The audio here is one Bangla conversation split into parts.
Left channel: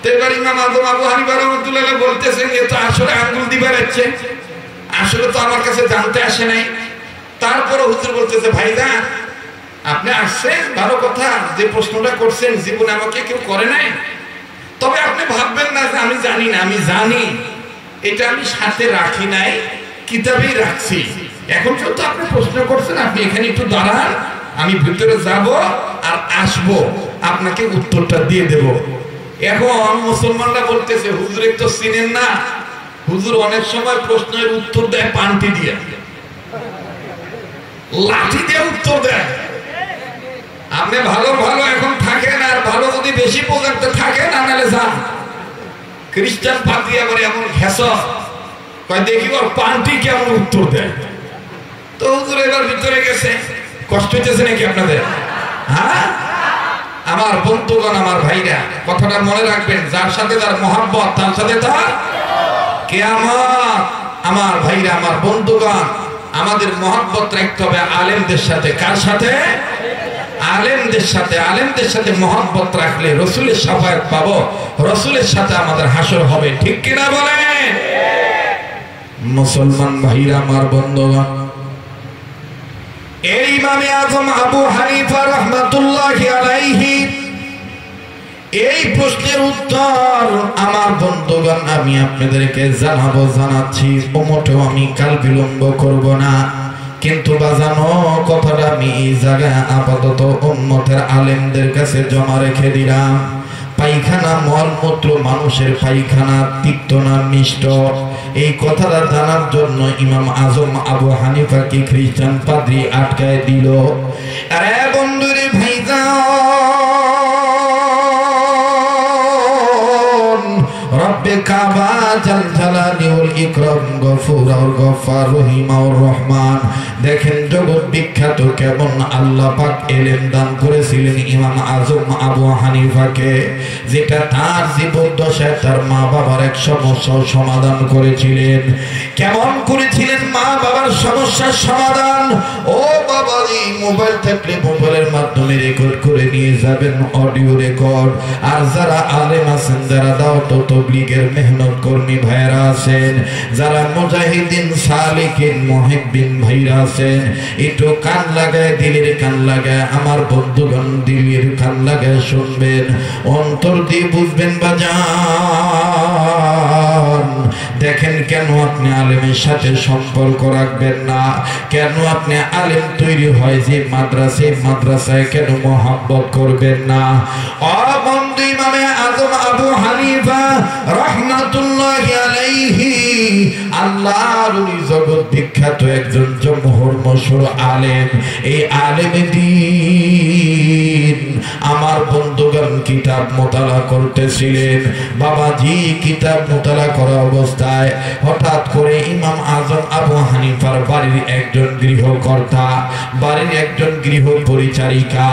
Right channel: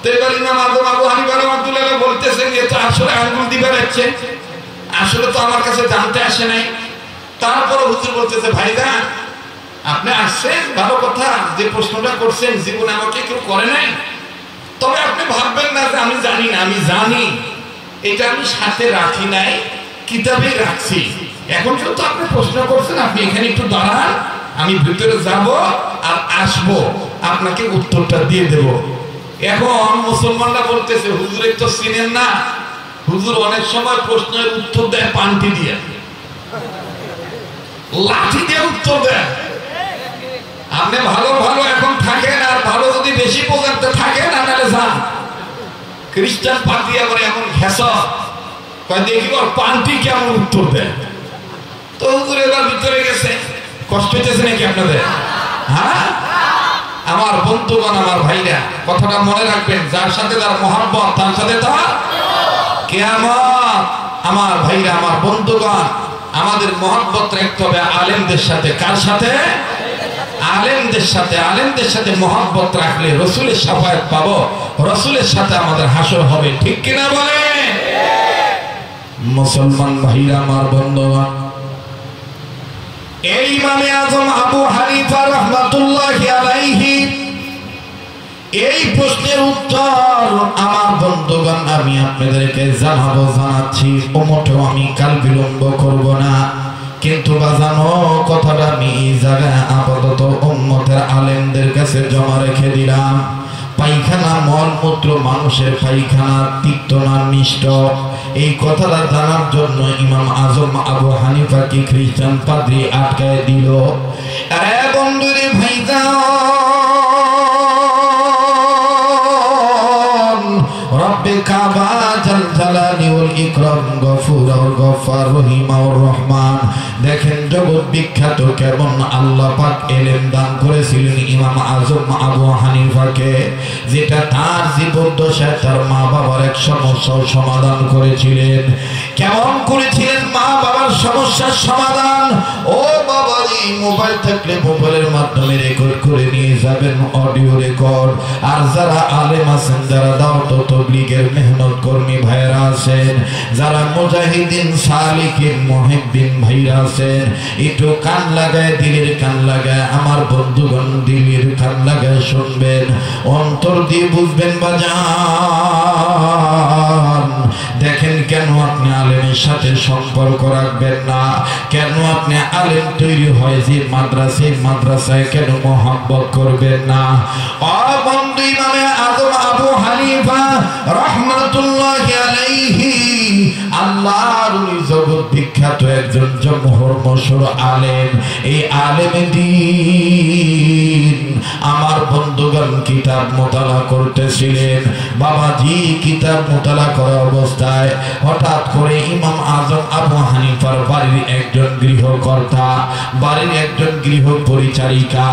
তো এবার ইমাম আজম আবু হানিফা রাহমাতুল্লাহ বলতেছেন যে তো আসলে আঙ্গুল দিবে যাচ্ছে, আসলে তো আমার কাছে জানতে আসে নাই। তারপরে হুজুর বলতেছে ভাইরা আপনি আসছেন ভালো কথা, যে প্রশ্নটা করছেন জীবনে আমাকে কেউ করে নাই, তবে আপনি ভাববেন না যে আমি জানি না, আমি জানি, এটা আমি সাথে রাখি নাই, কিতাবেই রাখছি। এখন যেহেতু আপনি প্রশ্ন করছেন আপনি এখানে একটু দাঁড়ান, আমি ভিতরে যাব আর আসবো, আপনাকে উত্তরটা দিয়ে দেব। এখন মুসলমানরা বলতেছে হুজুর তো চিনেন না, হুজুর অনেক সময় প্রশ্নের উত্তর দেয় পান্টি দিয়ে, লাঠি দিয়ে উত্তর দেয়। আপনি ভালো ভালো এখন থাকেন, আর ভালো যদি বেশি পর্যন্ত থাকেন আনালে যান। খ্রিস্টান পাতিয়া করে এমন ঘেস দেখি ওর পান্টি কেমন উত্তর দেয়। তো হুজুর এবার ভিতরে গেছে, কষ্ট হইতেছে নাকি আপনাদের? হ্যাঁ আমার বন্ধুগণ, আমার ভাইরা, কথাটা মনে রাখবেন, যার সাথে তার মহব্বত তার সাথে তার কিয়ামত। আমার ভাইরা, আমার বন্ধুগণ, আমাদের মহব্বত রাখতে হবে আলেমদের সাথে। কার সাথে? আলেমদের সাথে। আলেমদের সাথে মহব্বত রাখলে রসুলের শাফায়াত পাবো, রসুলের সাথে আমাদের হাসর হবে। ঠিক কিনা বলে? মুসলমান ভাইরা, আমার বন্ধুগণ, এই ইমামে আজম আবু হানিফা রাহমাতুল্লাহি আলাইহি এই প্রশ্নের উত্তর আমার বন্ধুগণ আমি আপনাদেরকে জানাবো, জানাচ্ছি, মোটেও আমি কাল বিলম্ব করব না। কিন্তু বাজানো কথাটা আমি এই জায়গায় আপাতত উম্মতের আলেমদের কাছে জমা রেখে দিলাম। পায়খানা মলমূত্র মানুষের পায়খানা তিক্ত না মিষ্ট, এই কথাটা জানার জন্য ইমাম আজম আবু হানিফা কি খ্রিস্টান পাদ্রী আটকায় দিল। আরে বন্ধুরে ভাইজান, রব্বে কাবা জাল জালালি ওয়াল ইকরাম গফুরুর গফফার রহিমাউর রহমান। দেখেন জগৎ বিখ্যাত কেমন আল্লাহ পাক এলেম দান করেছিলেন ইমাম আজম আবু হানিফাকে, যেটা তার জীবদ্দশায় তার মা বাবার এক সমস্যার সমাধান করেছিলেন। কেমন করেছিলেন মা বাবার সমস্যার সমাধান? ও বাবা, এই মোবাইল থাকলে মোবাইলের মাধ্যমে রেকর্ড করে নিয়ে যাবেন, অডিও রেকর্ড। আর যারা আলেম আছেন, যারা দাওয়াত ও তাবলীগের মেহনত কর্মী ভাইরা আছেন, যারা মুজাহিদিন সালিকিন মুহিব্বিন ভাইরা আছেন, একটু কান লাগায়, দিলের কান লাগায়, আমার বন্ধুগণ দিলের কান লাগায় শুনবেন, অন্তর দিয়ে বুঝবেন বাজান। দেখেন কেন আপনি আলেমের সাথে সম্পর্ক রাখবেন না, কেন আপনি আলেম তৈরি হয় যে মাদ্রাসায় কেন মহব্বত করবেন না? ও বন্ধু, ইমামে আজম আবু হানিফা রাহমাতুল্লাহি আলাইহি আল্লাহর জগৎ বিখ্যাত একজন জমহুর মশহুর আলেম। এই আলেমে দ্বীন আমার বন্ধুগণ কিতাব মোতালা করতেছিলেন। বাবাজি কিতাব মোতালা করা অবস্থায় হঠাৎ করে ইমাম আজম আবু হানিফার বাড়ির একজন গৃহকর্তা, বাড়ির একজন গৃহ পরিচারিকা,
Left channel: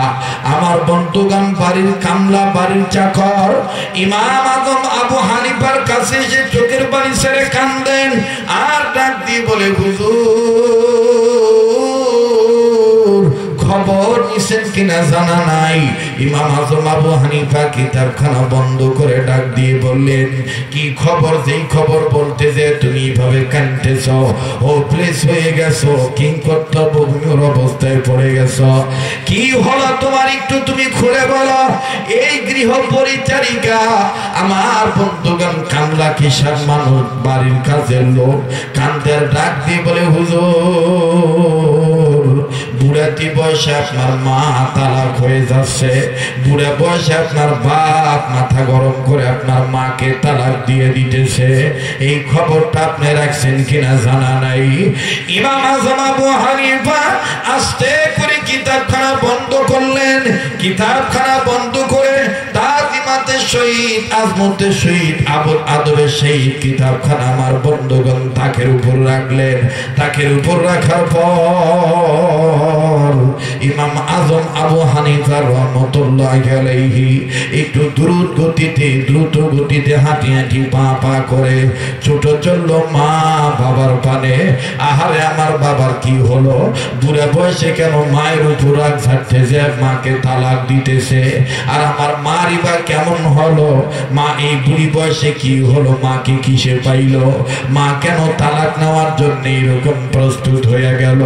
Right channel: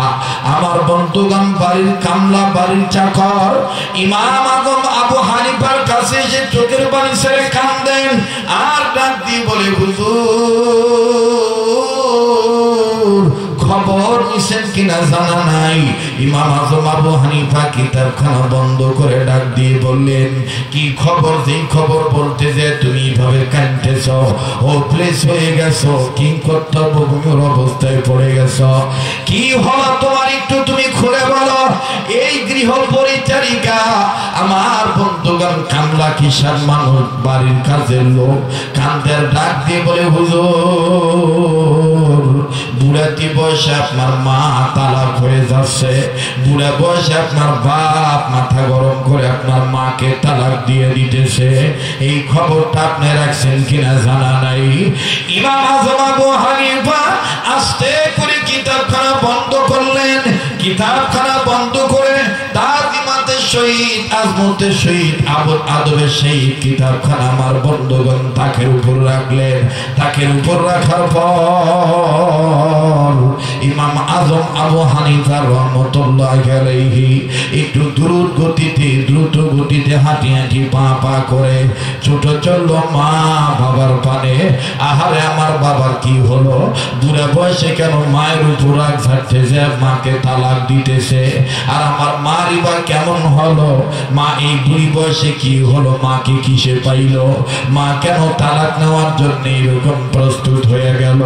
আমার বন্ধুগণ বাড়ির কামলা, বাড়ির চাকর ইমাম আজম আবু হানিফার কাছে এসে চোখের পানি ছেড়ে কাঁদেন আর ডাক দিয়ে বলে, হুজুর খবর নিছেন কিনা জানা নাই। ইমাম আজম আবু হানিফা কিতাবখানা বন্ধ করে ডাক দিয়ে বললেন, কি খবর? যেই খবর বলতে যে তুমি এইভাবে কাঁদতেছ, ও প্লেস হয়ে গেছো, কি কর্তব্যভূমির অবস্থায় পড়ে গেছ, কি হলো তোমার একটু তুমি খুলে বলো। এই গৃহ পরিচারিকা আমার বন্ধুগণ কামলা কিসার মানুষ, বাড়ির কাজের লোক, কান্দের ডাক দিয়ে বলে, হুজুর বুড়াতি বয়সে আপনার মা তালাক হয়ে যাচ্ছে, বুড়া বয়সে আপনার বাপ মাথা গরম করে আপনার মাকে তালাক দিয়ে দিতেছে, এই খবরটা আপনি রাখছেন কিনা জানা নাই। ইমাম আজম আবু হানিফা আস্তে করে কিতাবখানা বন্ধ করলেন। কিতাবখানা বন্ধ করে তাজিমাতের সহিত, আজমতের সহিত, আদবের সহিত কিতাবখানা আমার বন্ধুগণ তাকের উপর রাখলেন। তাকের উপর রাখার পর ইমাম আজম আবু হানিফা রাহমাতুল্লাহি আলাইহি একটু দ্রুত গতিতে হাঁটি হাঁটি পা করে ছোট চলল মা বাবার পানে। আহারে আমার বাবার কি হলো? বুড়া বয়সে কেন মায়ের উপর রাগ ঝাড়তে যে মাকে তালাক দিতেছে? আর আমার মারই বা কেমন হলো? মা এই বুড়ি বয়সে কি হলো? মাকে কিসে পাইল? মা কেন তালাক নেওয়ার জন্য এরকম প্রস্তুত হয়ে গেল?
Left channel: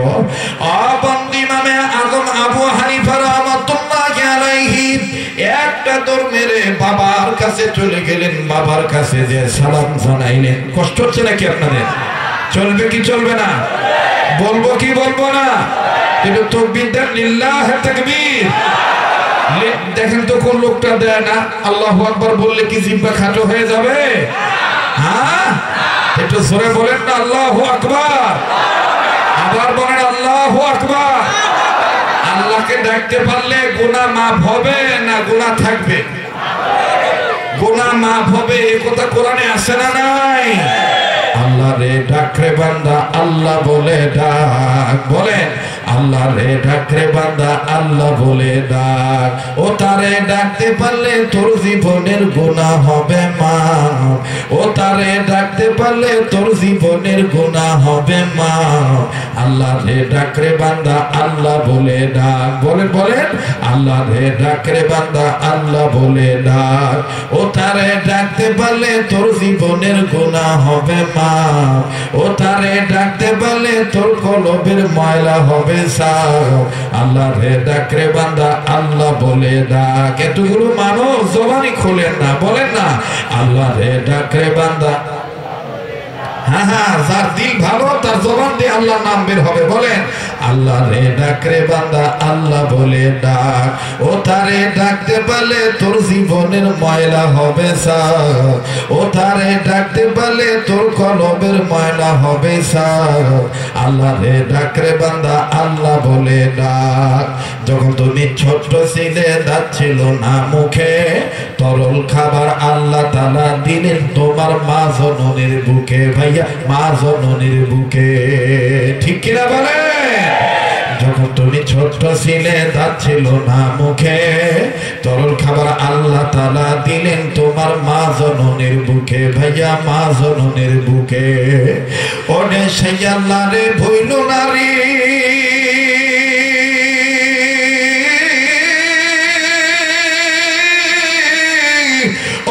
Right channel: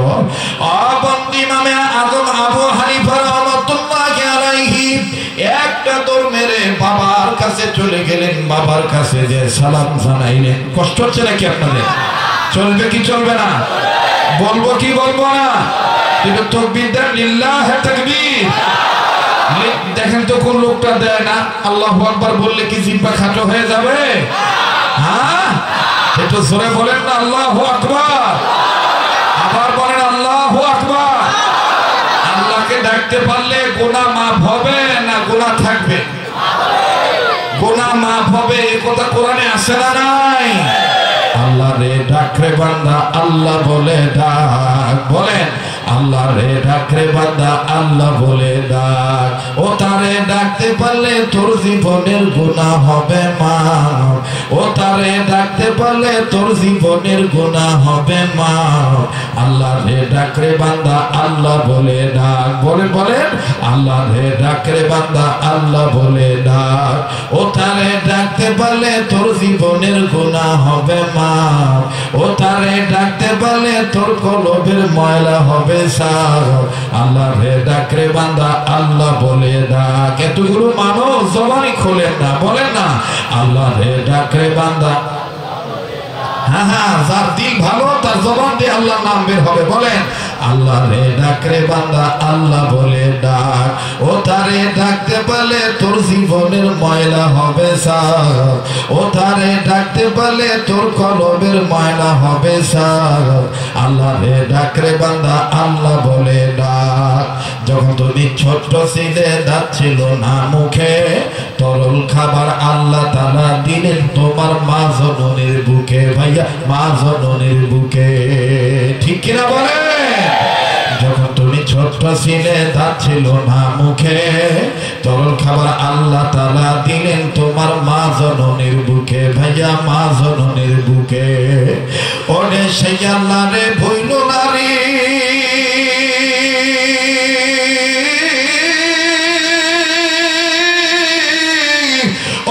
ইমামে আজম আবু হানিফা রাহমাতুল্লাহি আলাইহি একটা দৌড় মেরে বাবার কাছে চলে গেলেন। বাবার কাছে যে সালাম জানাইলেন। কষ্ট হচ্ছে নাকি আপনাদের? চলবে কি চলবে না? বলবো কি বলবো না? কিন্তু তাকবীর দেন, লিল্লাহি তাকবীর। দেখেন তো কোন লোকটা দেয় না। আল্লাহু আকবার বললে কি জিহ্বা খাটো হয়ে যাবে? হ্যাঁ, একটু জোরে বলেন না আল্লাহু আকবার। আবার বলেন আল্লাহু আকবার। আল্লাহকে ডাকতে পারলে গুনাহ মাফ হবে না গুনাহ থাকবে? গুনাহ মাফ হবে, এই কথা কোরআনে আছে না নাই? আল্লাহ রে ডাক রে বান্দা আল্লাহ বলে ডাক। বলেন আল্লাহ রে ডাক রে বান্দা আল্লাহ বলে ডাক। ও তারে ডাকতে পারলে তোর জীবনের গুনাহ হবে মাফ। ও তারে ডাকতে পারলে তোর জীবনের গুনাহ হবে মাফ। আল্লাহ রে ডাক রে বান্দা আল্লাহ বলে ডাক। বলেন বলেন আল্লাহ রে ডাক রে বান্দা আল্লাহ বলে ডাক। ও তারে ডাকতে পারলে তোর জীবনের গুনাহ হবে মাফ। ও তারে ডাকতে পারলে তোর কলবের ময়লা হবে সাফ। আল্লাহ রে ডাক রে বান্দা আল্লাহ বলে ডাক। এতগুলো মানুষ জবানই খোলেন না, বলেন না আল্লাহ রে ডাক রে বান্দা। হ্যাঁ হ্যাঁ, যার দিল ভালো তার জবান দিয়ে আল্লাহ নাম বের হবে। বলেন আল্লাহ রে ডাক রে বান্দা আল্লাহ বলে ডাক। ও তারে ডাকতে পারলে তোর জীবনের ময়লা হবে সাফ। ও তারে ডাকতে পারলে তোর কলবের ময়লা হবে সাফ। আল্লাহ রে ডাক রে বান্দা আল্লাহ বলে ডাক। যখন তুমি ছোট্ট ছিলে, দাঁত ছিল না মুখে, তরল খাবার আল্লাহ তাআলা দিলেন তোমার মা জননীর বুকে। ভাইয়া মা জননীর বুকে, ঠিক কিনা বলে? যখন তুমি ছোট্ট ছিলে, দাঁত ছিল না মুখে, তরল খাবার আল্লাহ তাআলা দিলেন তোমার মা জননীর বুকে। ভাইয়া মা জননীর বুকে। ওরে সেই আল্লাহ রে ভুইল না রে,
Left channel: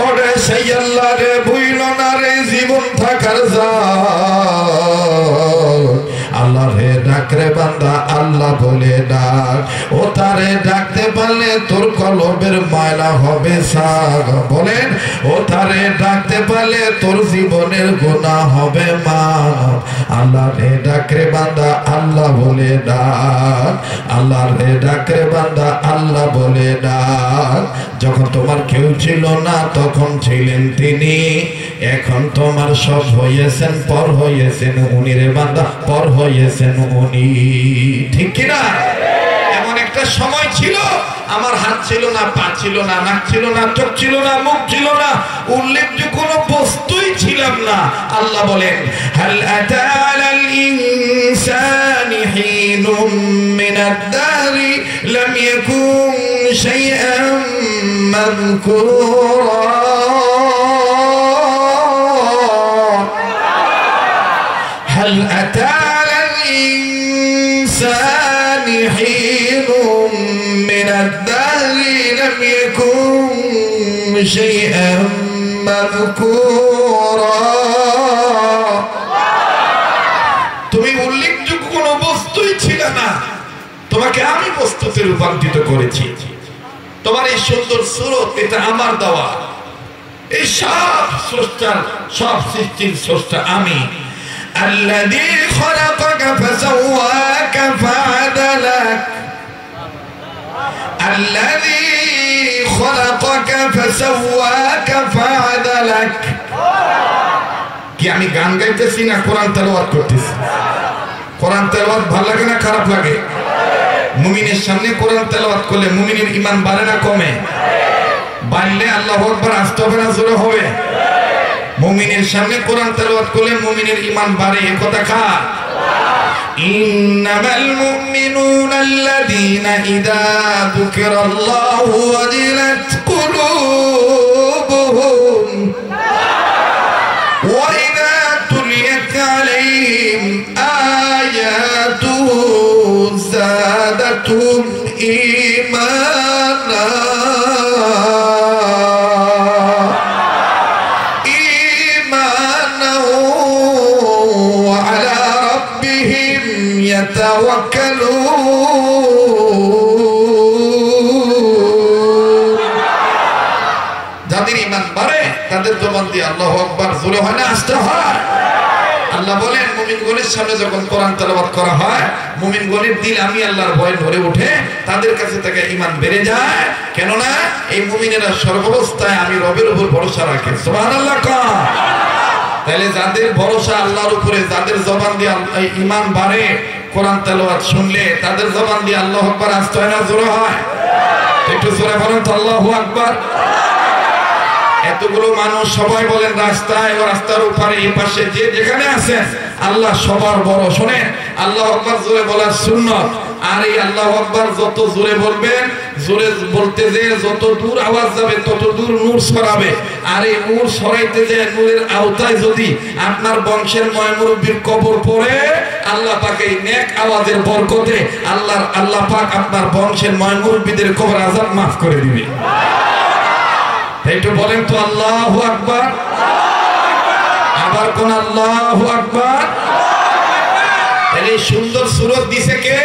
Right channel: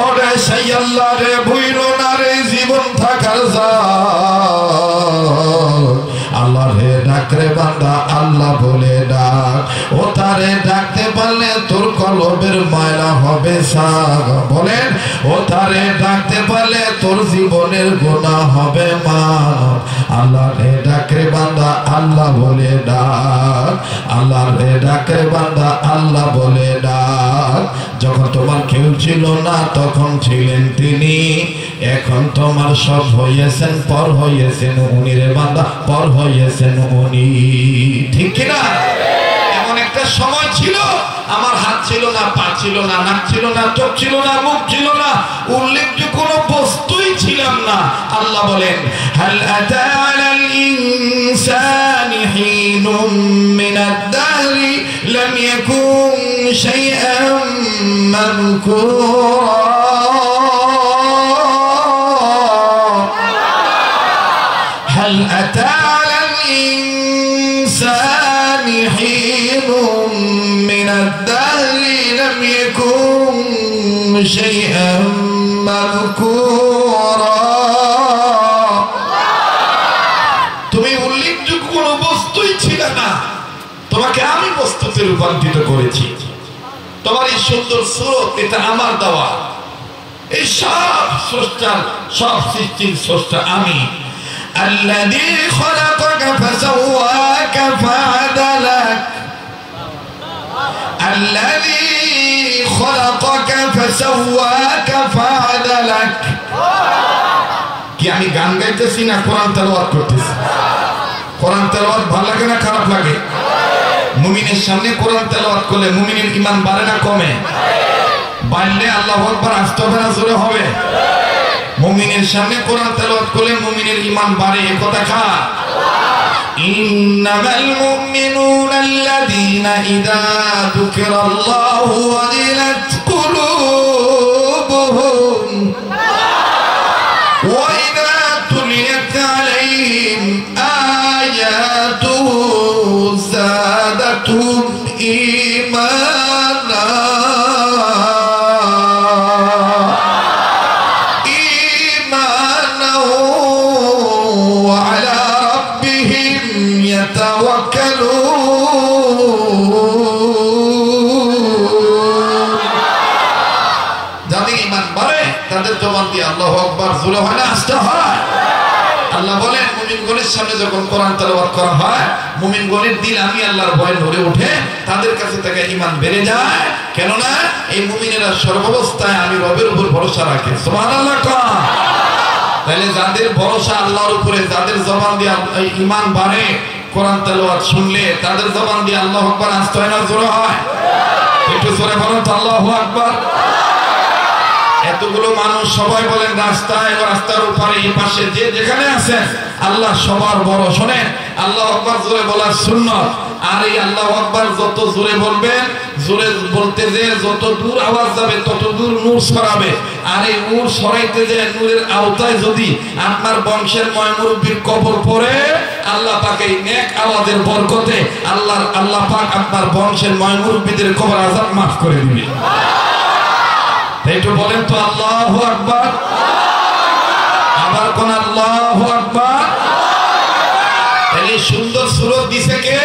ওরে সেই আল্লাহ রে ভুইল না রে, জীবন থাকার আল্লাহ রে ডাক রে বান্দা আল্লাহ বলে ডাক। ও তারে ডাকতে পারলে তোর কলবের ময়লা হবে সাফ। বলেন ও তারে ডাকতে পারলে তোর জীবনের গুনাহ হবে মাফ। আল্লাহ রে ডাক রে বান্দা আল্লাহ বলে ডাক। আল্লাহ রে ডাক রে বান্দা আল্লাহ বলে ডাক। যখন তোমার কেউ ছিল না তখন ছিলেন তিনি, এখন তোমার সব হয়েছেন পর হয়েছেন উনি রে বান্দা, পর হয়েছেন উনি। ঠিক কিনা? এমন একটা সময় ছিল আমার হাত ছিল না, পা ছিল না, নাক ছিল না, চোখ ছিল না, মুখ ছিল না, উল্লেখযোগ্য কোনো বস্তুই ছিলাম না। আল্লাহ বলেন হাল আতা আলাল ইনসানি হিনুম মিনাদ দাহরি লাম ইয়াকুন শাইআন মাযকুরা। هل أتى على الإنسان حين من الدهر لم يكن شيئا مذكورا। তুমি উল্লেখযোগ্য কোনো বস্তুই ছিল না, তোমাকে আমি বস্তুতে রূপান্তরিত করেছি। তোমার এই সুন্দর সুরত এটা আমার দেওয়া। এই সব স্রষ্টার, সব সৃষ্টির স্রষ্টা আমি। الذي خلقك فسواك فعدلك، الذي خلقك فسواك فعدلك। কি আমি গান গাইতেছি না কোরআন তেলাওয়াত করতেছি? কোরআন তেলাওয়াত ভালো লাগে না খারাপ লাগে? মুমিনের সামনে কোরআন তেলাওয়াত করলে মুমিনের ঈমান বাড়ে না কমে? বাড়লে আল্লাহু আকবার আসতে হবে না জোরে হবে? মুমিনের সামনে কোরআন তেলাওয়াত করলে মুমিনের ঈমান বাড়ে, এ কথা কার? ইন্নামাল মুমিনুনা আল্লাযীনা ইযা যুকিরাল্লাহু ওয়াজিলাত কুলুবুহুম ওয়া ইযা তুলিয়াত আলাইহিম আয়াতুহু যাদাতুহুম ঈমানা। যাদের ঈমান বাড়ে তাদের জবান দিয়ে আল্লাহু আকবার জোরে হয় না আস্তে হয়? আল্লাহ বলেন মুমিনগণের সামনে যখন কোরআন তেলাওয়াত করা হয় মুমিনগণের দিল আমি আল্লাহর ভয় ভরে ওঠে, তাদের কাছে থেকে ঈমান বেড়ে যায়। কেননা এই মুমিনেরা সর্বাবস্থায় আমি রবের উপর ভরসা রাখে। সুবহানাল্লাহ। তাহলে যাদের ভরসা আল্লাহর উপরে, যাদের জবান দিয়ে ঈমান বাড়ে কোরআন তেলাওয়াত শুনলে তাদের জবান দিয়ে আল্লাহু আকবার আসতে হয় না জোরে হয়? একটু জোরে বলুন তো আল্লাহু আকবার। এতগুলো মানুষ সবাই বলেন রাস্তায় ও রাস্তার উপরে এই পাশে যে যেখানে আছেন আল্লাহ সবার বড়। শোনেন আল্লাহু আকবার জোরে বলার সুন্নাত। আর এই আল্লাহু আকবার যত জোরে বলবেন, জোরে বলতে যে যত দূর আওয়াজ যাবে তত দূর নূর ছড়াবে। আর এই নূর ছড়াইতে যে নূরের আওতায় যদি আপনার বংশের ময়মুরব্বির কবর পড়ে আল্লাহ পাক এই নেক আওয়াজের বরকতে আল্লাহ পাক আপনার বংশের ময়মুরব্বিদের কবর আযাব মাফ করে দিবে। একটু বলেন তো আল্লাহু আকবার। আবার কোন আল্লাহু আকবার। তাহলে সুন্দর সুরত দিছে কে?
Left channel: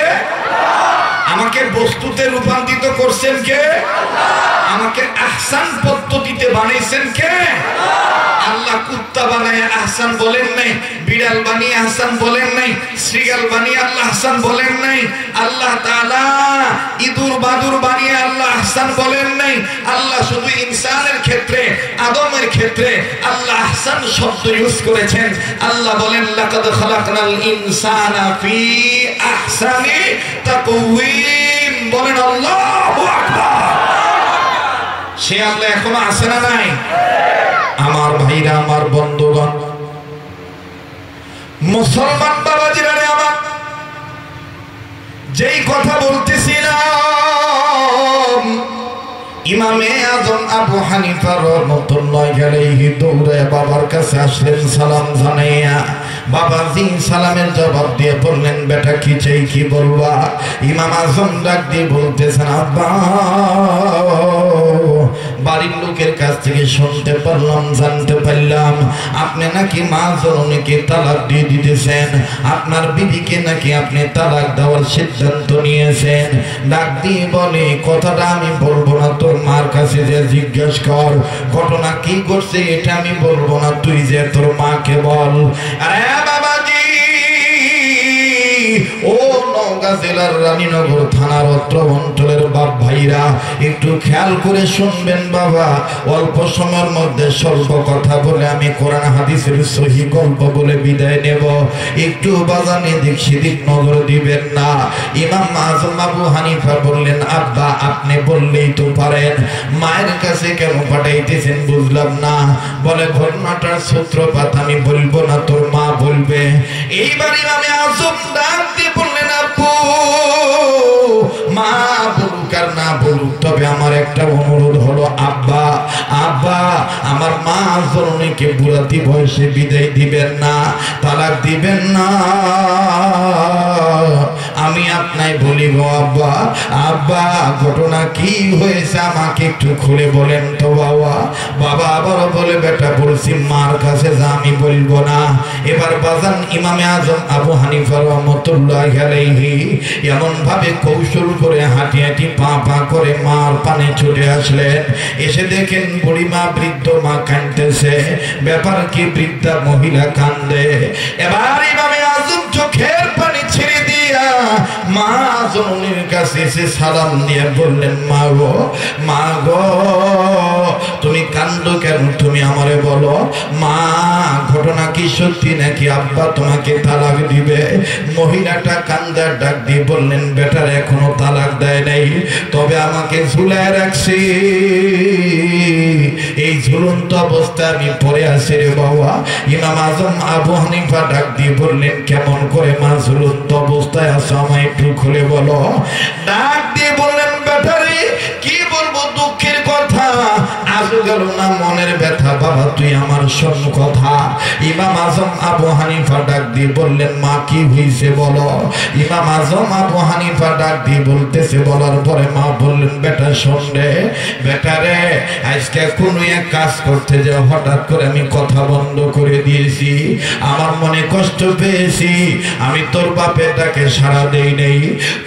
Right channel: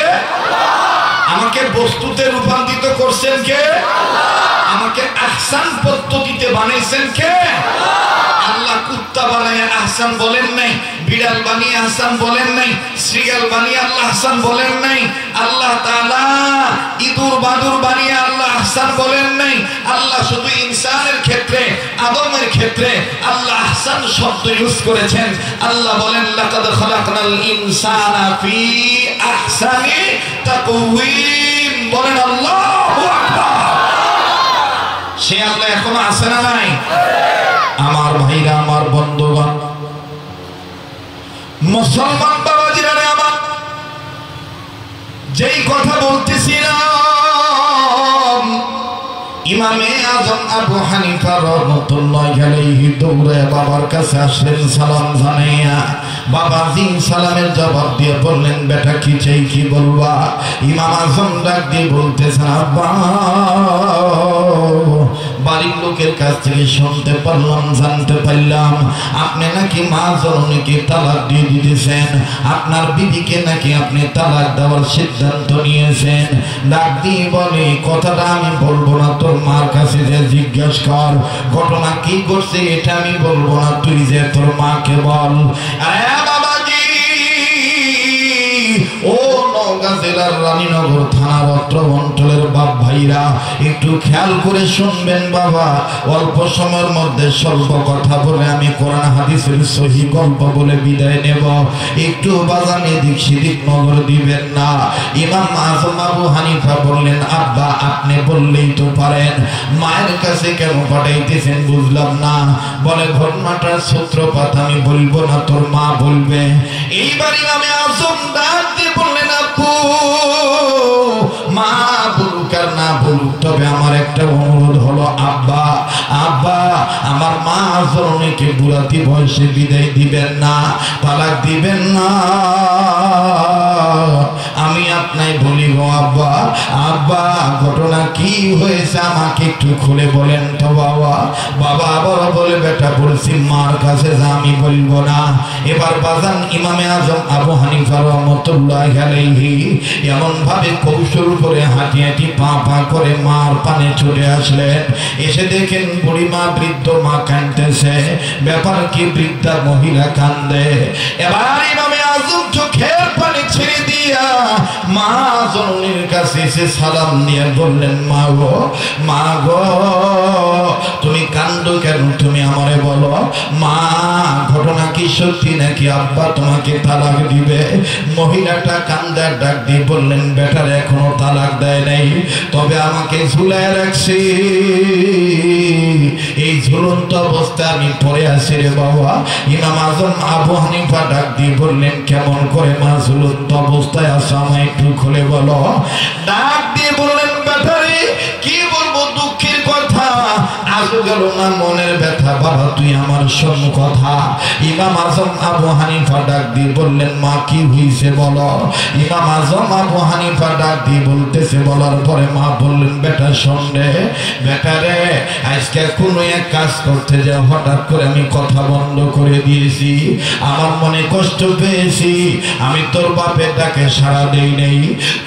আমাকে বস্তুতে রূপান্তরিত করছেন কে? আমাকে আহসান পদ্ধতিতে বানাইছেন কে? আল্লাহ কুত্তা বানায় আহসান বলেন নাই, বিড়াল বানিয়ে আহসান বলেন নাই, শ্রীগাল বানিয়ে আল্লাহ আহসান বলেন নাই, আল্লাহ তাআলা ইঁদুর বাদুর বানিয়ে আল্লাহ আহসান বলেন নাই। আল্লাহ শুধু ইনসানের ক্ষেত্রে, আদমের ক্ষেত্রে আল্লাহ আহসান শব্দ ইউজ করেছেন। আল্লাহ বলেন লাকাদ খালাকনাল ইনসানা ফি আহসানি তাকওয়িম। বলেন আল্লাহু আকবার। সে আল্লাহ এখনো আছে না নাই? আমার ভাইরা, আমার বন্ধুগণ, মুসলমান বাবাজিরা আমার, যেই কথা বলতেছিলাম ইমামে আজম আবু হানিফা রাহমাতুল্লাহি আলাইহি দৌড়ে বাবার কাছে আসলেন সালাম জানাইয়া। বাবা দিন সালামের জবাব দিয়ে বললেন বেটা কি চাই কি বলবা? ইমাম আজম ডাক দিয়ে বলতেছেন আব্বা, বাড়ির লোকের কাছ থেকে শুনতে পারলাম, জানতে পারলাম আপনি নাকি মা জননীকে তালাক দিয়ে দিতেছেন, আপনার বিবিকে নাকি আপনি তালাক দেওয়ার সিদ্ধান্ত নিয়েছেন। ডাক দিয়ে বলে কথাটা আমি বলবো না, তোর মার কাছে যে জিজ্ঞেস কর ঘটনা কি করছে, এটা আমি বলবো না, তুই যে তোর মাকে বল। আরে বাবাজি, ও নওগাঁ জেলার রানীনগর থানার অত্র অঞ্চলের বাপ ভাইরা একটু খেয়াল করে শুনবেন বাবা। অল্প সময়ের মধ্যে স্বল্প কথা বলে আমি কোরআন হাদিসের সহি গল্প বলে বিদায় নেব। একটু বাজানে দিক সেদিক নজর দিবেন না। ইমাম আজম আবু হানিফা বললেন আব্বা আপনি বললেই তো পারেন, মায়ের কাছে কেন পাঠাইতেছেন বুঝলাম না। বলে ঘটনাটার সূত্রপাত আমি বলবো না, তোর মা বলবে। এইবার ইমামে আজম ডাক দিয়ে বললেন আপু, মা বলুক আর না বলুক, তবে আমার একটা অনুরোধ হলো আব্বা, আব্বা আমার মা জননীকে বুড়াতি বয়সে বিদায় দিবেন না, তালাক দিবেন না। আমি আপনাই বলি গো আব্বা, আব্বা ঘটনা কি হয়েছে আমাকে একটু খুলে বলেন তো বাবা। বাবা আবার বলে বেটা বলছি মার কাছে যা, আমি বলবো না। এবার বাজান ইমামে আজম আবু হানিফা রাহমাতুল্লাহি আলাইহি এমন ভাবে কৌশল করে হাঁটি হাঁটি পা পা করে মার পানে ছুটে আসলেন। এসে দেখেন বুড়ি মা, বৃদ্ধ মা কাঁদতেছে। ব্যাপার কি? বৃদ্ধা মহিলা কান্দে। এবার ইমামে আজম চোখের পানি ছেড়ে দিয়া মা জননীর কাছে এসে সালাম দিয়ে বললেন মা গো, মা গো তুমি কান্দো কেন? তুমি আমারে বলো মা, ঘটনা কি সত্যি নাকি আব্বা তোমাকে তালাক দিবে? মহিলাটা কান্দার ডাক দিয়ে বললেন বেটার এখনো তালাক দেয় নাই, তবে আমাকে ঝুলায় রাখছি। এই ঝুলন্ত অবস্থা আমি পড়ে আছি রে বাবা। ইমাম আজম আবু হানিফা ডাক দিয়ে বললেন কেমন করে মা ঝুলন্ত অবস্থায় আছো, আমায় একটু খুলে বলো। ডাক দিয়ে বললেন বেটারে কি বলবো, দুঃখের কথা, আজও গেল না মনের ব্যথা, বাবা তুই আমার শোন কথা। ইমাম আজম আবু হানিফা ডাক দিয়ে বললেন মা কি হয়েছে বলো। ইমাম আজম আবু হানিফা ডাক দিয়ে বলতেছে, বলার পরে মা বললেন বেটা শোন রে, বেটা রে আজকে কোনো এক কাজ করতে যে হঠাৎ করে আমি কথা বন্ধ করে দিয়েছি, আমার মনে কষ্ট পেয়েছি, আমি তোর বাপের ডাকে সাড়া দেই নাই।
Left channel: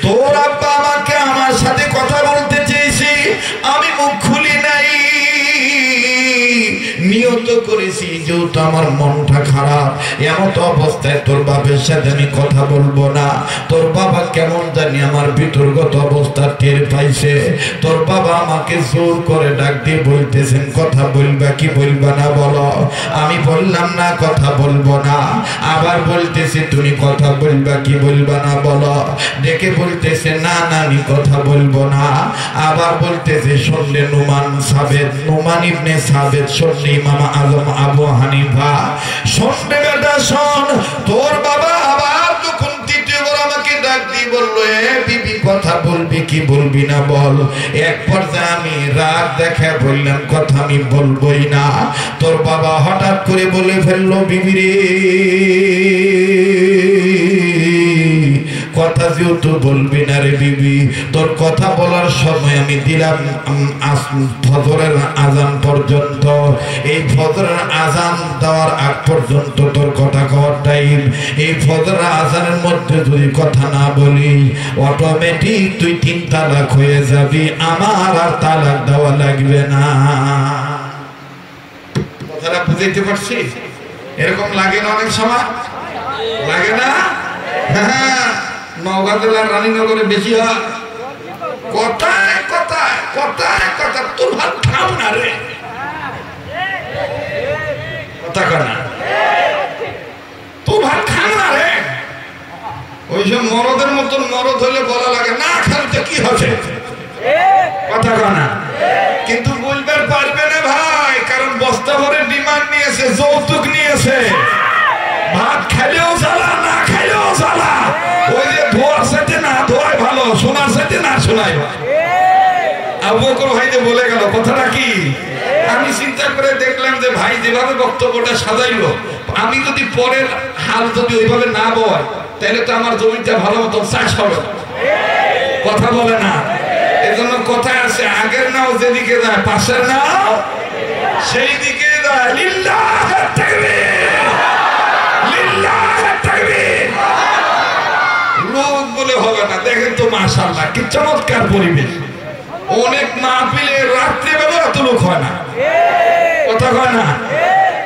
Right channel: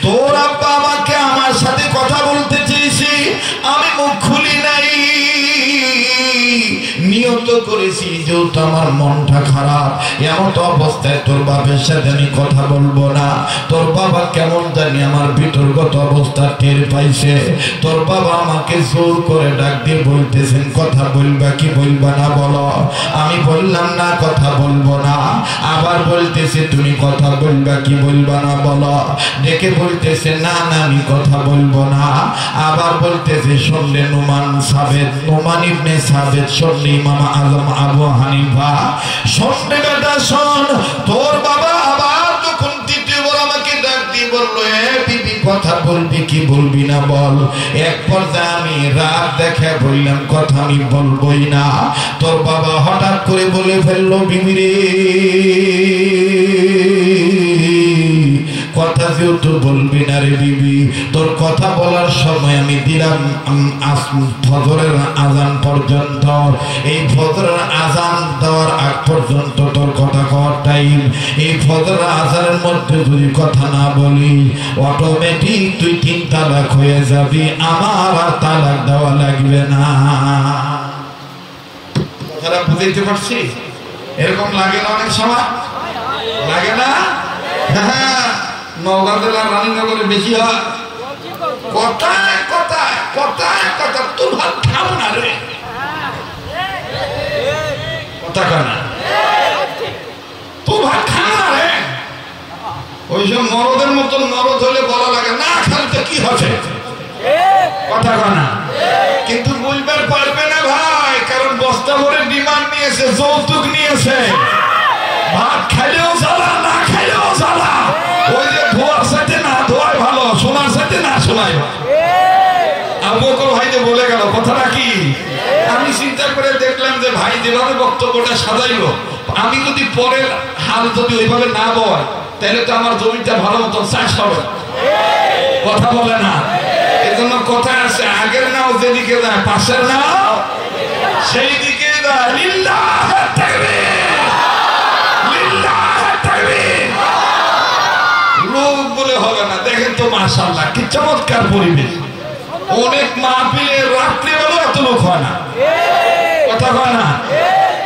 তোর আব্বা আমাকে আমার সাথে কথা বলতে চেয়েছি, আমি মুখ খুলি নাই। নিয়ত করেছি যেহেতু আমার মনটা খারাপ, এমন অবস্থায় তোর বাপের সাথে আমি কথা বলবো না। তোর বাবা কেমন জানি আমার ভিতরগত অবস্থা টের পাইছে। তোর বাবা আমাকে জোর করে ডাক দিয়ে বলতেছেন কথা বলবা কি বলবা না বলো। আমি বললাম না কথা বলবো না। আবার বলতেছে তুমি কথা বলবা কি বলবা না বলো। ডেকে বলতেছে না না আমি কথা বলবো না। আবার বলতেছে শুনলে নুমান সাবেদ, নুমান ইবনে সাবেদ, শুনলে ইমাম আজম আবু হানিফা, শুনলে বেটা শোন, তোর বাবা আবার তখন তৃতীয়বার আমাকে ডাক দিয়ে বললো এ বিবি কথা বলবি কি বলবি না বল। এক পর্যায়ে আমি রাত দেখে বললাম কথা আমি বলবোই না। তোর বাবা হঠাৎ করে বলে ফেললো বিবি রে কথা যেহেতু বলবি না রে বিবি, তোর কথা বলার সময় আমি দিলাম ফজরের আজান পর্যন্ত। এই ফজরের আজান দেওয়ার আগ পর্যন্ত তোর কথা কওয়ার টাইম। এই ফজরের আজানের মধ্যে যদি কথা না বলি অটোমেটিক তুই 3 তালাক হয়ে যাবি, আমার আর তালাক দেওয়া লাগবে না। কথাটা বুঝাইতে পারছি? এরকম লাগে না অনেক সময়? লাগে না? হ্যাঁ, নওগাঁ জেলার রানীনগরে বেশি হয়। কথায় কথায় কথায় কথা তোর ভাত খাও না রে, কথা কানা তোর ভাত খাও না রে। ওইসব মরদের মতন মরদ হলে বলা লাগে না খালতে কি হচ্ছে, কথা কানা। কিন্তু বলবার পারবে না ভাই, কারণ বস্তা ভরে ডিমান্ড নিয়েছে, যৌতুক নিয়েছে। ভাত খাইলেও জ্বালা, না খাইলেও জ্বালা। ওই যে ধোয়ার সাথে না ধোয়াই ভালো, শোনার সাথে না শোনাই ভালো। আবু বকর ভাই যে বলে গেল কথাটা কি, আমি চিন্তা করে দেখলাম যে ভাই যেভাবে বক্তব্যটা সাজাইলো, আমি যদি পরের হাল যদি ওইভাবে না বয় তাহলে তো আমার জমিটা ভালো মতো চাষ হবে, কথা বলে না। এজন্য কথায় আছে আগের নাও যেদিকে যায় পাশের নাও সেই দিকে যায়। লিল্লাহ তাকবীর, লিল্লাহ তাকবীর। লোক বলে হবে না। দেখেন তো মাশাআল্লাহ কি চমৎকার পরিবেশ। অনেক মাহফিলে রাত্রিবেলা এত লোক হয় না, কথা হয় না।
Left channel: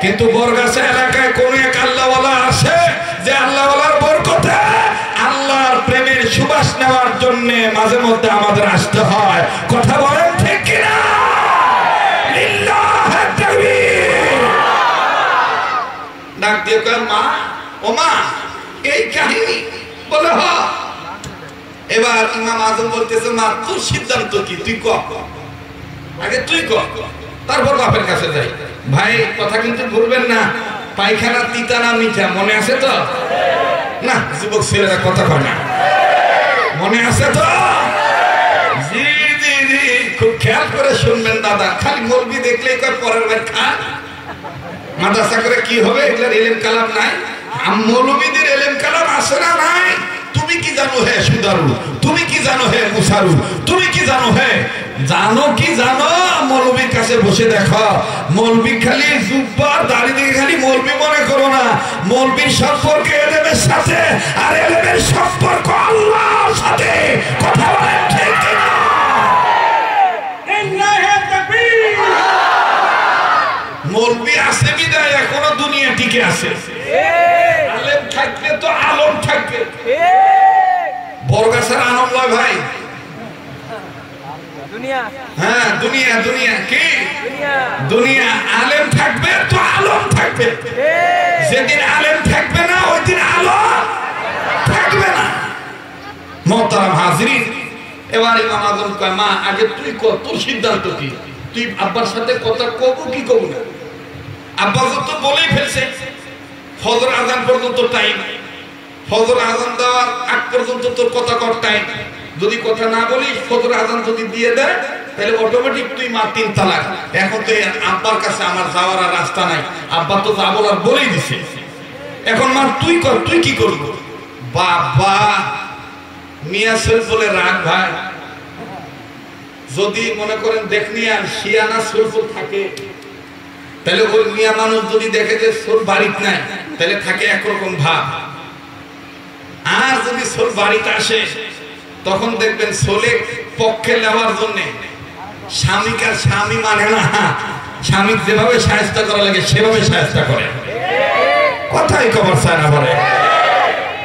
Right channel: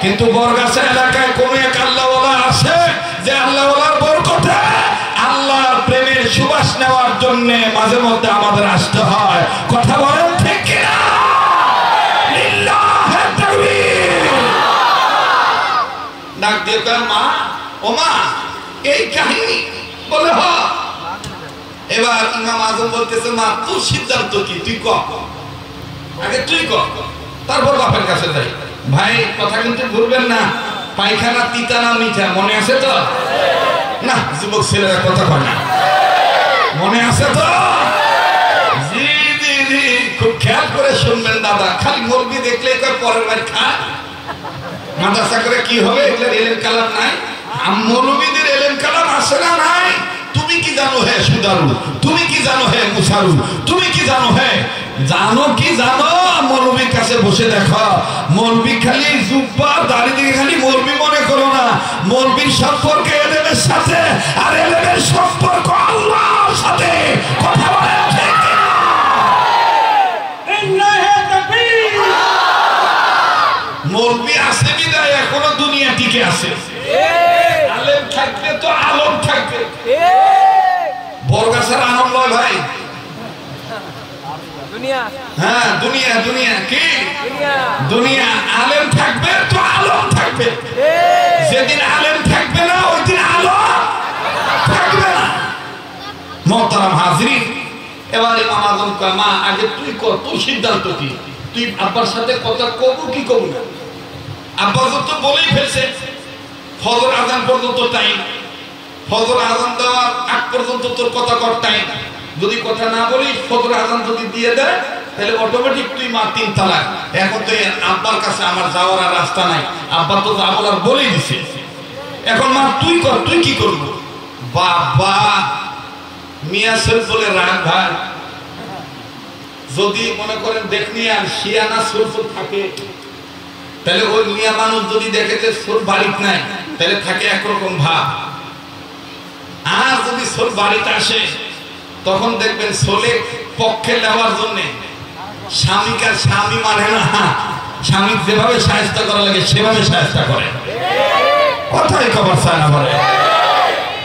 কিন্তু বরগাছা এলাকায় কোন এক আল্লাহওয়ালা আসে যে আল্লাহওয়ালার বরকতে আল্লাহর প্রেমের সুবাস নেওয়ার জন্য মাঝে মধ্যে আমাদের আসতে হয়, কথা বলেন ঠিক কিনা? লিল্লাহ তাকবীর। ডাক দিয়ে কয় মা, ও মা এই কাহিনী বলে হ। এবার ইমাম আজম বলতেছে মা তোর সিদ্ধান্ত কি, তুই ক, আগে তুই ক, তারপর বাপের কাছে যাই। ভাই কথা কিন্তু ভুলবেন না, পায়খানা তিতা না মিঠা মনে আছে তো? না যুবক ছেলেরা কথা কয় না, মনে আছে তো? জি জি জি, খুব খেয়াল করে শুনবেন দাদা। খালি মৌলবি দেখলেই কয় পরের ভাই খা, মাদ্রাসা করে কি হবে, এগুলোর এলেম কালাম নাই। মৌলবীদের এলেম কালাম আছে না নাই? তুমি কি জানো হে সুদারু, তুমি কি জানো হে মুসারু, তুমি কি জানো হে, জানো কি জানো? মৌলবীর কাছে বসে দেখো। মৌলবী খালি জুব্বা দাড়ি দিকে খালি মৌলবী মনে করো না। মৌলবীর সম্পর্ক এলেমের সাথে, আর এলেমের সম্পর্ক আল্লাহর সাথে, কথা বলেন ঠিক কিনা? মৌলবী আছে বিদায় এখনো দুনিয়া টিকে আছে। আলেম থাকলে তো আলম থাকবে। বরগাছার আলম নয় ভাই, দুনিয়া। হ্যাঁ দুনিয়া, দুনিয়া কি দুনিয়া। আলেম থাকবে তো আলম থাকবে। যেদিন আলেম থাকবে না ওই দিন আলম থাকবে না। মোহতারাম হাজরিন, এবার ইমাম আজম কয় মা আগে তুই কর, তোর সিদ্ধান্ত কি, তুই আব্বার সাথে কথা কবো কি কবো না? আব্বা তো বলেই ফেলছে ফজর আজান পর্যন্ত টাইম, ফজর আজান দেওয়ার আগ পর্যন্ত তোর কথা কর টাইম। যদি কথা না বলিস ফজর আজান যদি দিয়ে দেয় তাহলে অটোমেটিক তুই মা 3 তালাক। এখন তো আব্বার কাছে আমার যাওয়ার আর রাস্তা নাই, আব্বা তো যা বলার বলেই দিছে। এখন মা তুই কর, তুই কি করবো? বাবা মিয়া শরীফ বলে রাগ ভাই, যদি মনে করেন দেখনি আর শিয়ানা সুর থাকে তাহলে ওই মিয়া মানুষ যদি দেখে যে সোর বাড়িতে নাই তাহলে থাকে একরকম ভাব। আর যদি সোর বাড়িতে আসে তখন দেখবেন সোলে পক্ষে নেওয়ার জন্য স্বামীকার স্বামী মানে না, স্বামী যেভাবে সাহায্য করা লাগে সেভাবে সাহায্য করে, কথাই খবর চায় না বলে।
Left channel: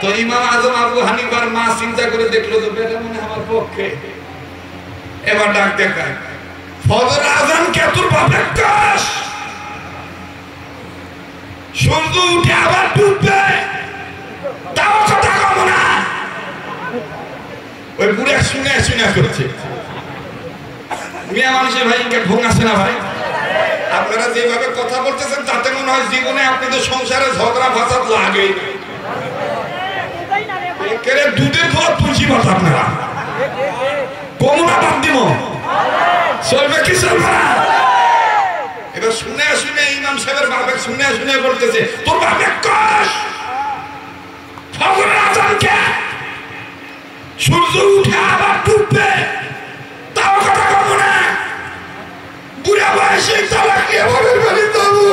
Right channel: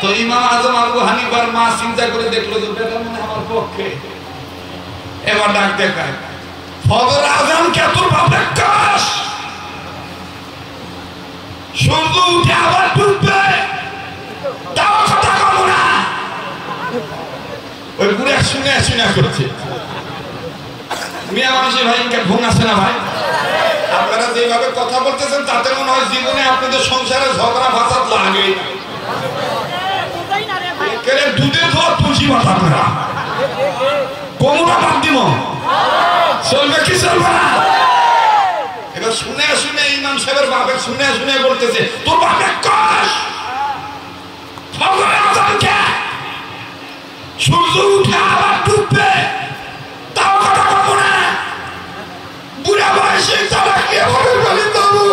তো ইমাম আজম আবু হানিফার মা চিন্তা করে দেখলো যে বেটা মনে আমার পক্ষে, এবার ডাক দেখায় ফজর আজান কে তোর বাপের কাজ, সূর্য উঠে আবার ডুববে, তাও কথা কম না। ওই বুড়া শুনে শুনে করছে। মিয়া মানুষের ভাই ঘুম আসে না ভাই? আপনারা যেভাবে কথা বলতেছেন তাতে মনে হয় জীবনে আপনাদের সংসারে ঝগড়া ফাসাদ লাগে। দুধের ধোয়া তুলসী মাথা আপনারা কোমরা বাদ দিব, চলবে কি চলবে না? এবার শুনে শুনে ইমাম সাহেবের বাপে শুনে শুনে বলতেছে তোর বাপে কস ফজরের আজান কে, সূর্য উঠে আবার ডুববে, তাও কথা কব না। বুড়া বয়সে তালাক দিয়ে ঘরের বাড়ি যাবো।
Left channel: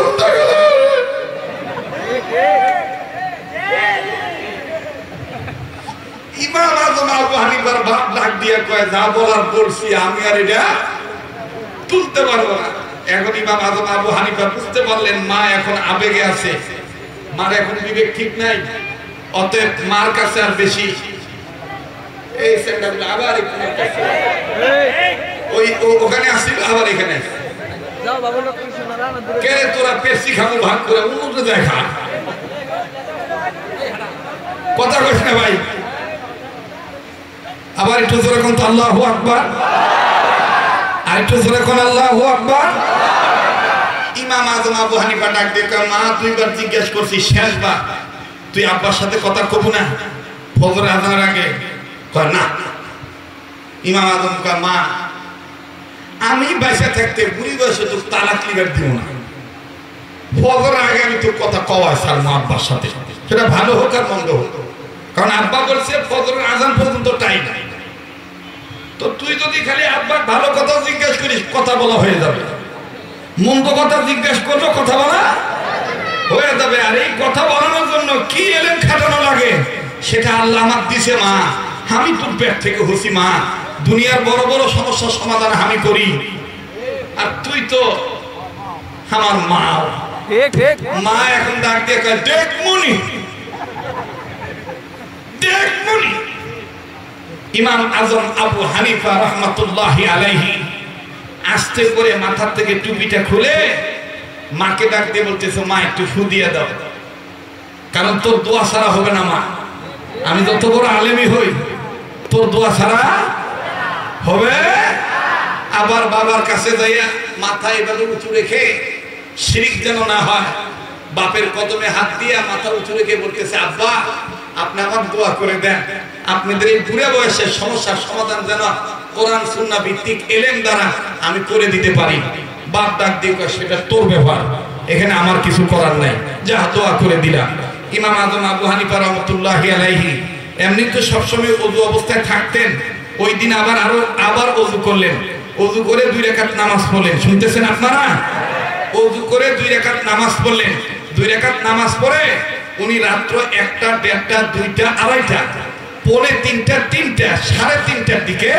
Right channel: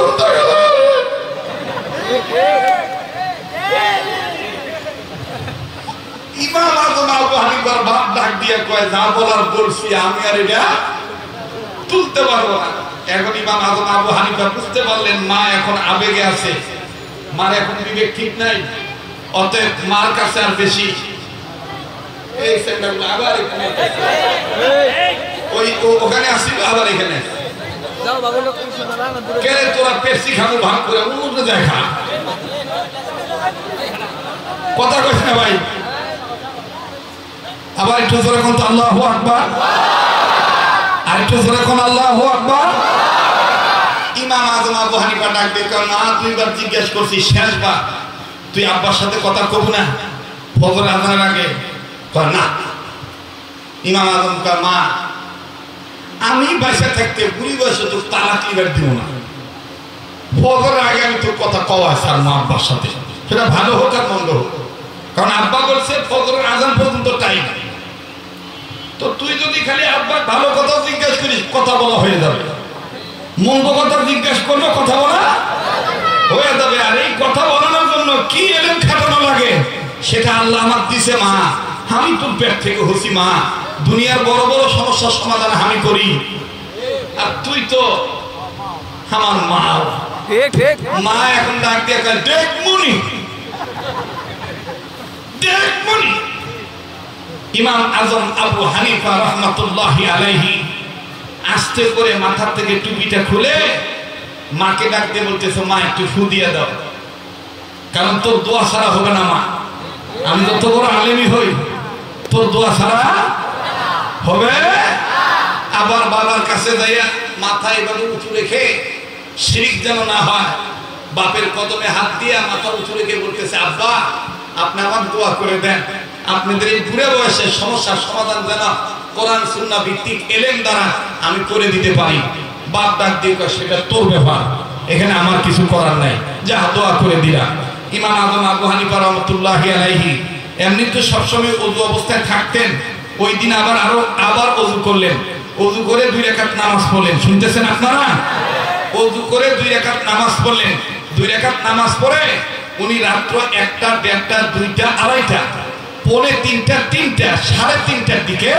ইমাম আজম আবু হানিফার বাপ ডাক দিয়ে কয় যা বলার বলছি, আমি আর এটা তুলতে পারবো না। এখন ইমাম আজম আবু হানিফা বুঝতে পারলেন মা এখন আবেগে আছে, মার এখন বিবেক ঠিক নাই, অতএব মার কাছে আর বেশি এই সেন্টারটা আবার এখানে ওই ওখানে আসছিল, আবার এখানে যাও বাবু লোক শোনা না দূরে কে তোরা পেপসি খাবো ভাগ করে অন্য জায়গা খা, কথা কইছ না ভাই? আবার একটু জোরে কোন তো আল্লাহু আকবার, আর একটু জোরে কোন আল্লাহু আকবার। ইমাম আজম আবু হানিফা ডাক দিয়ে কয় মা দুইবার জিজ্ঞেস করছি, শেষবার তুই আব্বার সাথে কথা কব না ফজর আজানের আগে? কয় না। ইমাম আজম কয় মা আমি বেঁচে থাকতে বুড়ি বয়সে তো তালাক লিবার দিব না, ফজরের আগে আমি তোর কথা কওয়াই ছাড়বো আব্বার সাথে, সেটা ভালো হোক আর মন্দ হোক, কারণ আব্বা বলছে ফজরের আজান পর্যন্ত টাইম। তো তুই যদি খালি আব্বার ভালো কথা জিজ্ঞেস করিস কথা বলা হয়ে যাবে, মন্দ কথা জিজ্ঞেস করলে কথা বলা হয়ে যাবে। আর এই কথা বলানোর জন্য কি এলেন খাটানো লাগে সেটা আল্লাহ আমার দিছে মা, আমি তোর পেট থেকে হচ্ছি মা, দুনিয়ার বড় বড় সমস্যার সমাধান আমি করি, আর তুই তো আমার মা। মা এখন ডাক দিয়ে দেখ মুনি, দেখ মুনি। ইমাম আজম আবু হানিফা রাহমাতুল্লাহি আলাইহি আস্তে করে মাথার থেকে টুপিটা খুলে মাকে ডাক দিয়ে বলতেছে মা একটু ফু দিয়ে দাও, কারণ তোর দোয়া ছাড়া হবে না মা, আমি যত বড় আলেমই হই তোর দোয়া ছাড়া হবে। আবার বাবার কাছে যাইয়া মাথা এভাবে উঁচু রেখে শিরক যেন না হয়, বাপের কদমে হাত দিয়ে মাথা উঁচু রেখে বলতেছে আব্বা আপনি আমার দোয়া করে দেন, আপনাদের এই বুড়ে বয়সের সমস্যার সমাধান যেন কোরআন সুন্নাহ ভিত্তিক ইলম দ্বারা আমি করে দিতে পারি। বাপ ডাক দিয়ে কয় সেটা তোর ব্যাপার, এখানে আমার কিছু করার নাই, যা দোয়া করে দিলাম। ইমাম আজম আবু হানিফা রাহমাতুল্লাহি আলাইহি এমনি তো সবসময় ওযু অবস্থায় থাকতেন, ওই দিন আবার ওযু করলেন, ওযু করে 2 রাকাত নামাজ পড়লেন। শুনতেছেন আপনারা? ওযু করে 2 রাকাত নামাজ পড়লেন। 2 রাকাত নামাজ পড়ে উনি রাত্র 1টা 1:30টা 2টা 2:30টা পৌনে 3টা 3টা 3:30টার দিকে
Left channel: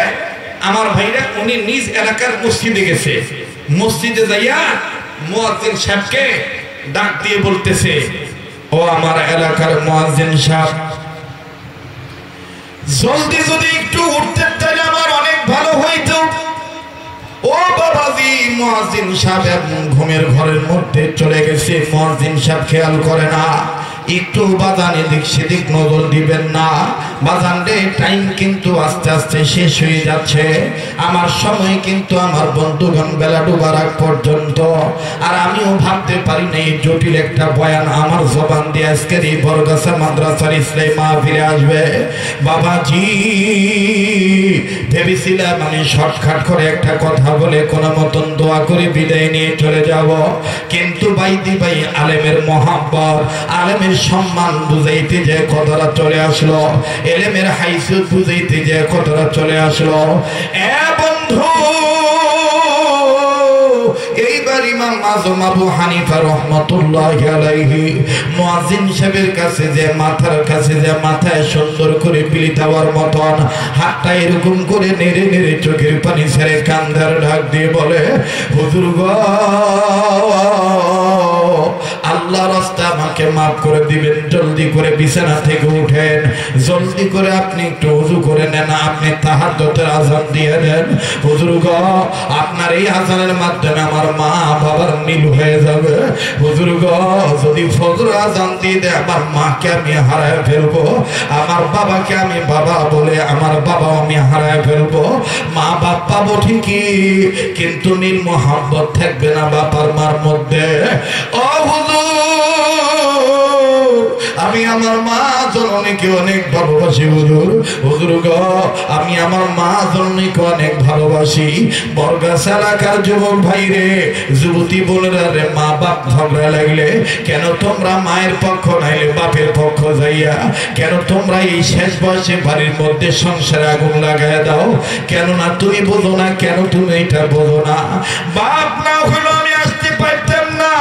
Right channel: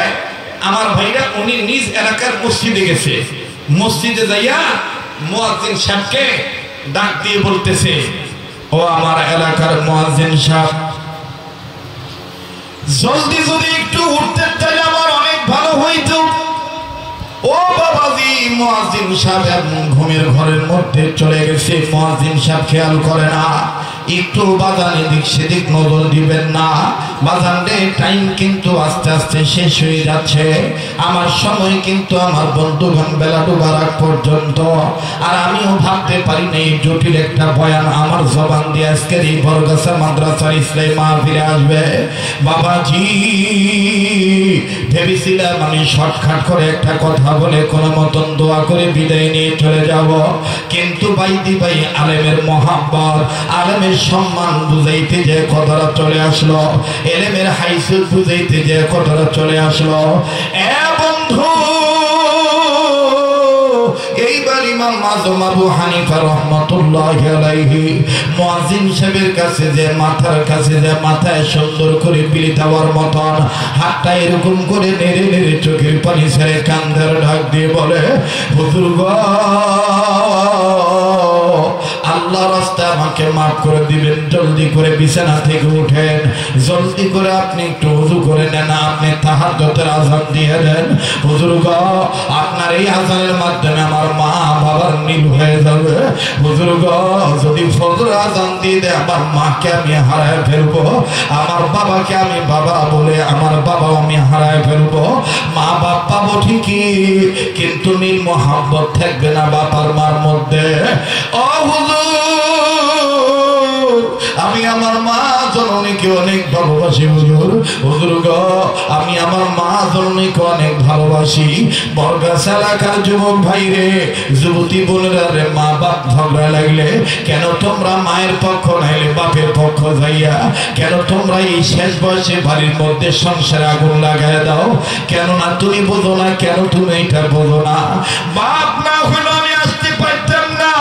আমার ভাইরা উনি নিজ এলাকার মসজিদে গেছে। মসজিদে যাইয়া মুয়াজ্জিন সাহেবকে ডাক দিয়ে বলতেছে ও আমার এলাকার মুয়াজ্জিন সাহেব, জলদি যদি একটু উঠতে চাইলে আমার অনেক ভালো হইতো। ও বাবাজি, মুয়াজ্জিন সাহেব ঘুমের ঘরের মধ্যে চলে গেছে, মুয়াজ্জিন সাহেব খেয়াল করে না, একটু বাজান এদিক সেদিক নজর দিবেন না। বাজান রে টাইম কিন্তু আস্তে আস্তে শেষ হয়ে যাচ্ছে, আমার সময় কিন্তু আমার বন্ধুগণ বেলা ডুবার আগ পর্যন্ত। আর আমিও ভাবতে পারি না এই জটিল একটা বয়ান আমার জবান দিয়ে আজকের এই বরগাছা মাদ্রাসার ইসলামী মাহফিলে আসবে। বাবাজি ভেবেছিলাম আমি শর্টকাট করে একটা কথা বলে কোনো মতন দোয়া করে বিদায় নিয়ে চলে যাব, কিন্তু বাইদি ভাই আলেমের মহাব্বত, আলেমের সম্মান বুঝাইতে যে কথাটা চলে আসলো, এলেমের হাইসিয়ত বুঝাইতে যে কথাটা চলে আসলো। এ বন্ধু, এইবার এবার ইমাম আযম আবু হানিফা রাহমাতুল্লাহি আলাইহি মুয়াজ্জিন সাহেবের কাছে যে মাথার কাছে যে মাথায় সুন্দর করে বিলি দেওয়ার মতন হাতটা এরকম করে নেড়ে নেড়ে চোখের পানি ছেড়ে কান্দার ডাক দিয়ে বলে, হুজুর গো, আল্লাহ রাস্তা আমাকে মাফ করে দিবেন, জলদি করে বিছানা থেকে উঠেন, জলদি করে আপনি একটু ওযু করে নেন, আপনি তাহাজ্জুদের আযান দিয়ে দেন। হুজুর গো, আপনার এই আযানের মাধ্যমে আমার মা বাবার নীল হয়ে যাবে। হুজুর গো, যদি ফজর আযান দিয়ে দেয় আমার মাকে আমি হারায় ফেলবো, আমার বাবাকে আমি বাবা বলে আমার বাবা আমি হারায় ফেলবো। মা বাপ পাবো ঠিকই, কিন্তু নীল মোহাব্বত থাকবে না বাবার মার মধ্যে। ও হুজুর, আমি আমার মা জননীকে অনেক ভালোবাসি হুজুর। হুজুর গো, আমি আমার মা জননীকে অনেক ভালোবাসি। বরগাছ এলাকার যুবক ভাই রে, যুবতী বোনেরা রে, মা বাপ ঝগড়া লাগলে কেন তোমরা মায়ের পক্ষ নাইলে বাপের পক্ষ যাইয়া কেন তোমরা এই শেষ বয়সে বাড়ির মধ্যে সংসারে আগুন লাগাই দাও? কেননা তুমি বোঝো না, কেন তুমি এটা বোঝো না? বাপ না হলো আমি আসতে পারতাম না,